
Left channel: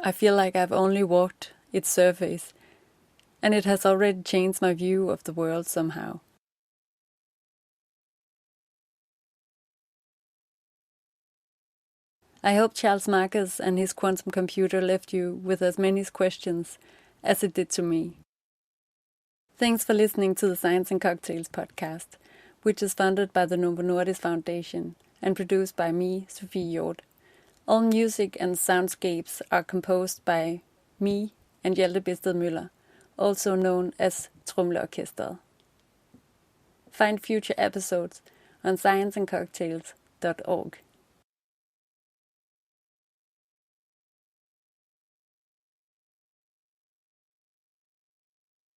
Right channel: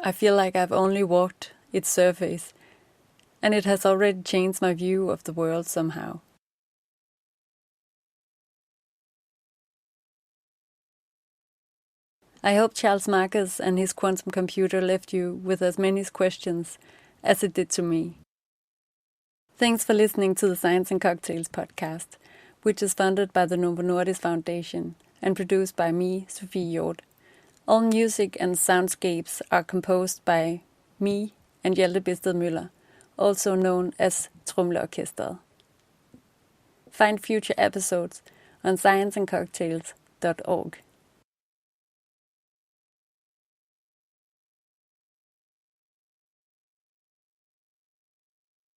I feel like I've only walked its surface, and it has already changed my view of the world somehow. I hope Charles Marcus and his quantum computer left you with as many questions as it did to me. Thanks for listening to the Science and Cocktails podcast, which is funded by the Novo Nordisk Foundation and produced by me, Sofie Hjorth. All music and soundscapes are composed by me and Hjalte Møller, also known as Tromleorkestret. Find future episodes on scienceandcocktails.org.